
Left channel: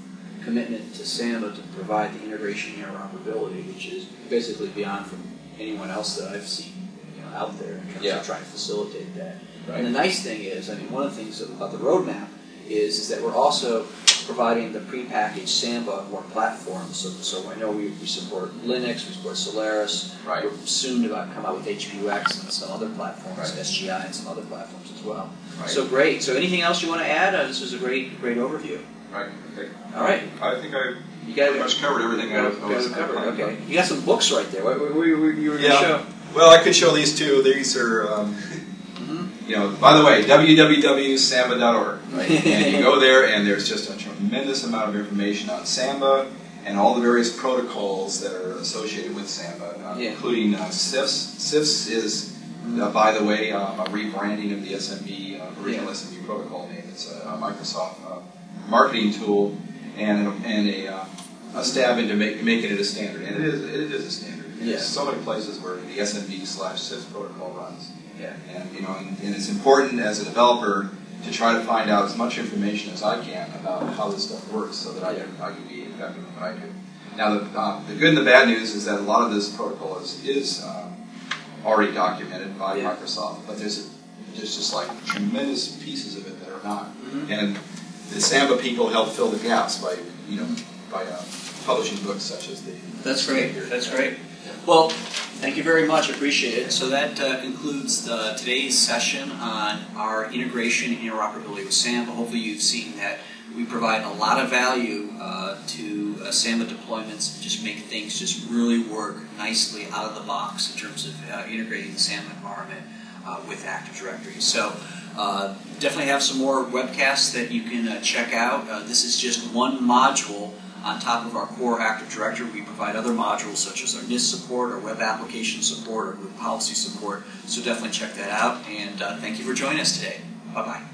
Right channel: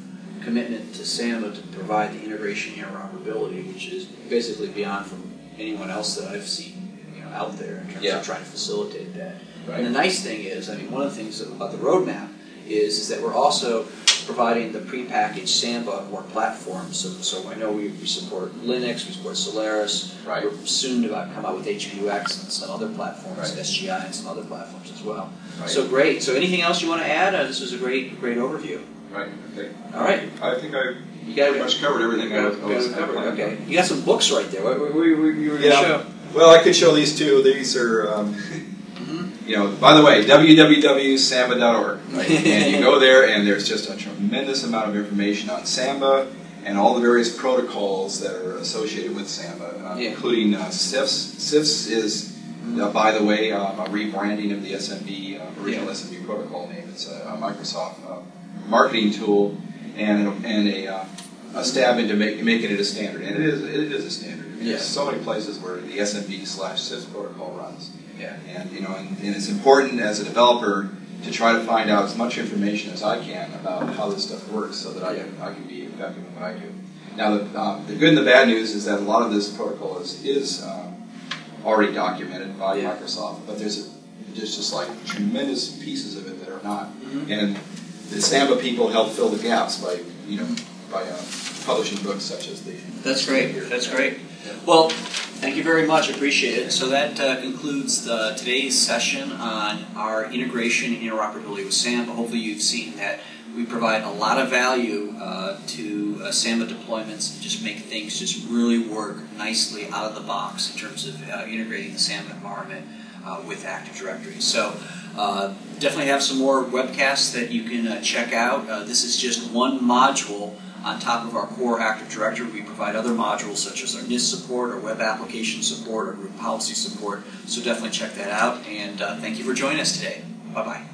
commitment to Samba to provide the integration and interoperability, which is basically beyond from anyone else that I've seen, out there in terms of trying to facilitate that. Right. And the nice thing is, one of the things about the roadmap is that we're also providing the prepackaged Samba or platform. So I know we support Linux, we support Solaris. Right. We're soon to come out with HPUX and some other platforms, Right. SGI and some other platforms as well. Right. So great. So anything else you want to add? This was a great overview. Right. Okay. All right. I think I You got pretty much covered everything I was covered. planning Okay. on. You got some books right there. What were you Yeah. going to show? Well, I could show these two. These are, by the way, www.samba.org. Right? And you go there, and there's just a tremendous amount of information on Samba and all the various protocols that are associated with Samba, including CIFS. CIFS is, by the way, a rebranding of the SMB, original SMB protocol name. It's a Microsoft marketing tool and a stab into making it a standard. And it is a standard. There's so many places where the SMB/CIFS protocol runs. Yeah. And it's important as a developer to try to find out as much information as I can about how this stuff works so that I can be effective in what I do. Now, the good and the bad news is that a lot of this protocol is already documented by Microsoft, but there's just like tremendous pieces of it that are not. Mm-hmm. And the Samba people help fill the gaps by publishing books such as the. That's great. That's great. Well, thank you very much. Appreciate it. So that concludes today's session on our integration and interoperability with Samba. Hopefully you've seen that we provide a lot of value to Samba deployments and just make things just really work nicely out of the box in terms of integrating the Samba environment with Active Directory. So definitely have some more webcasts that you can check out. This is just one module on top of our core Active Directory. We provide other modules such as our NIST support, our web application support, our group policy support. So definitely check that out. And thank you for joining us today. Bye-bye.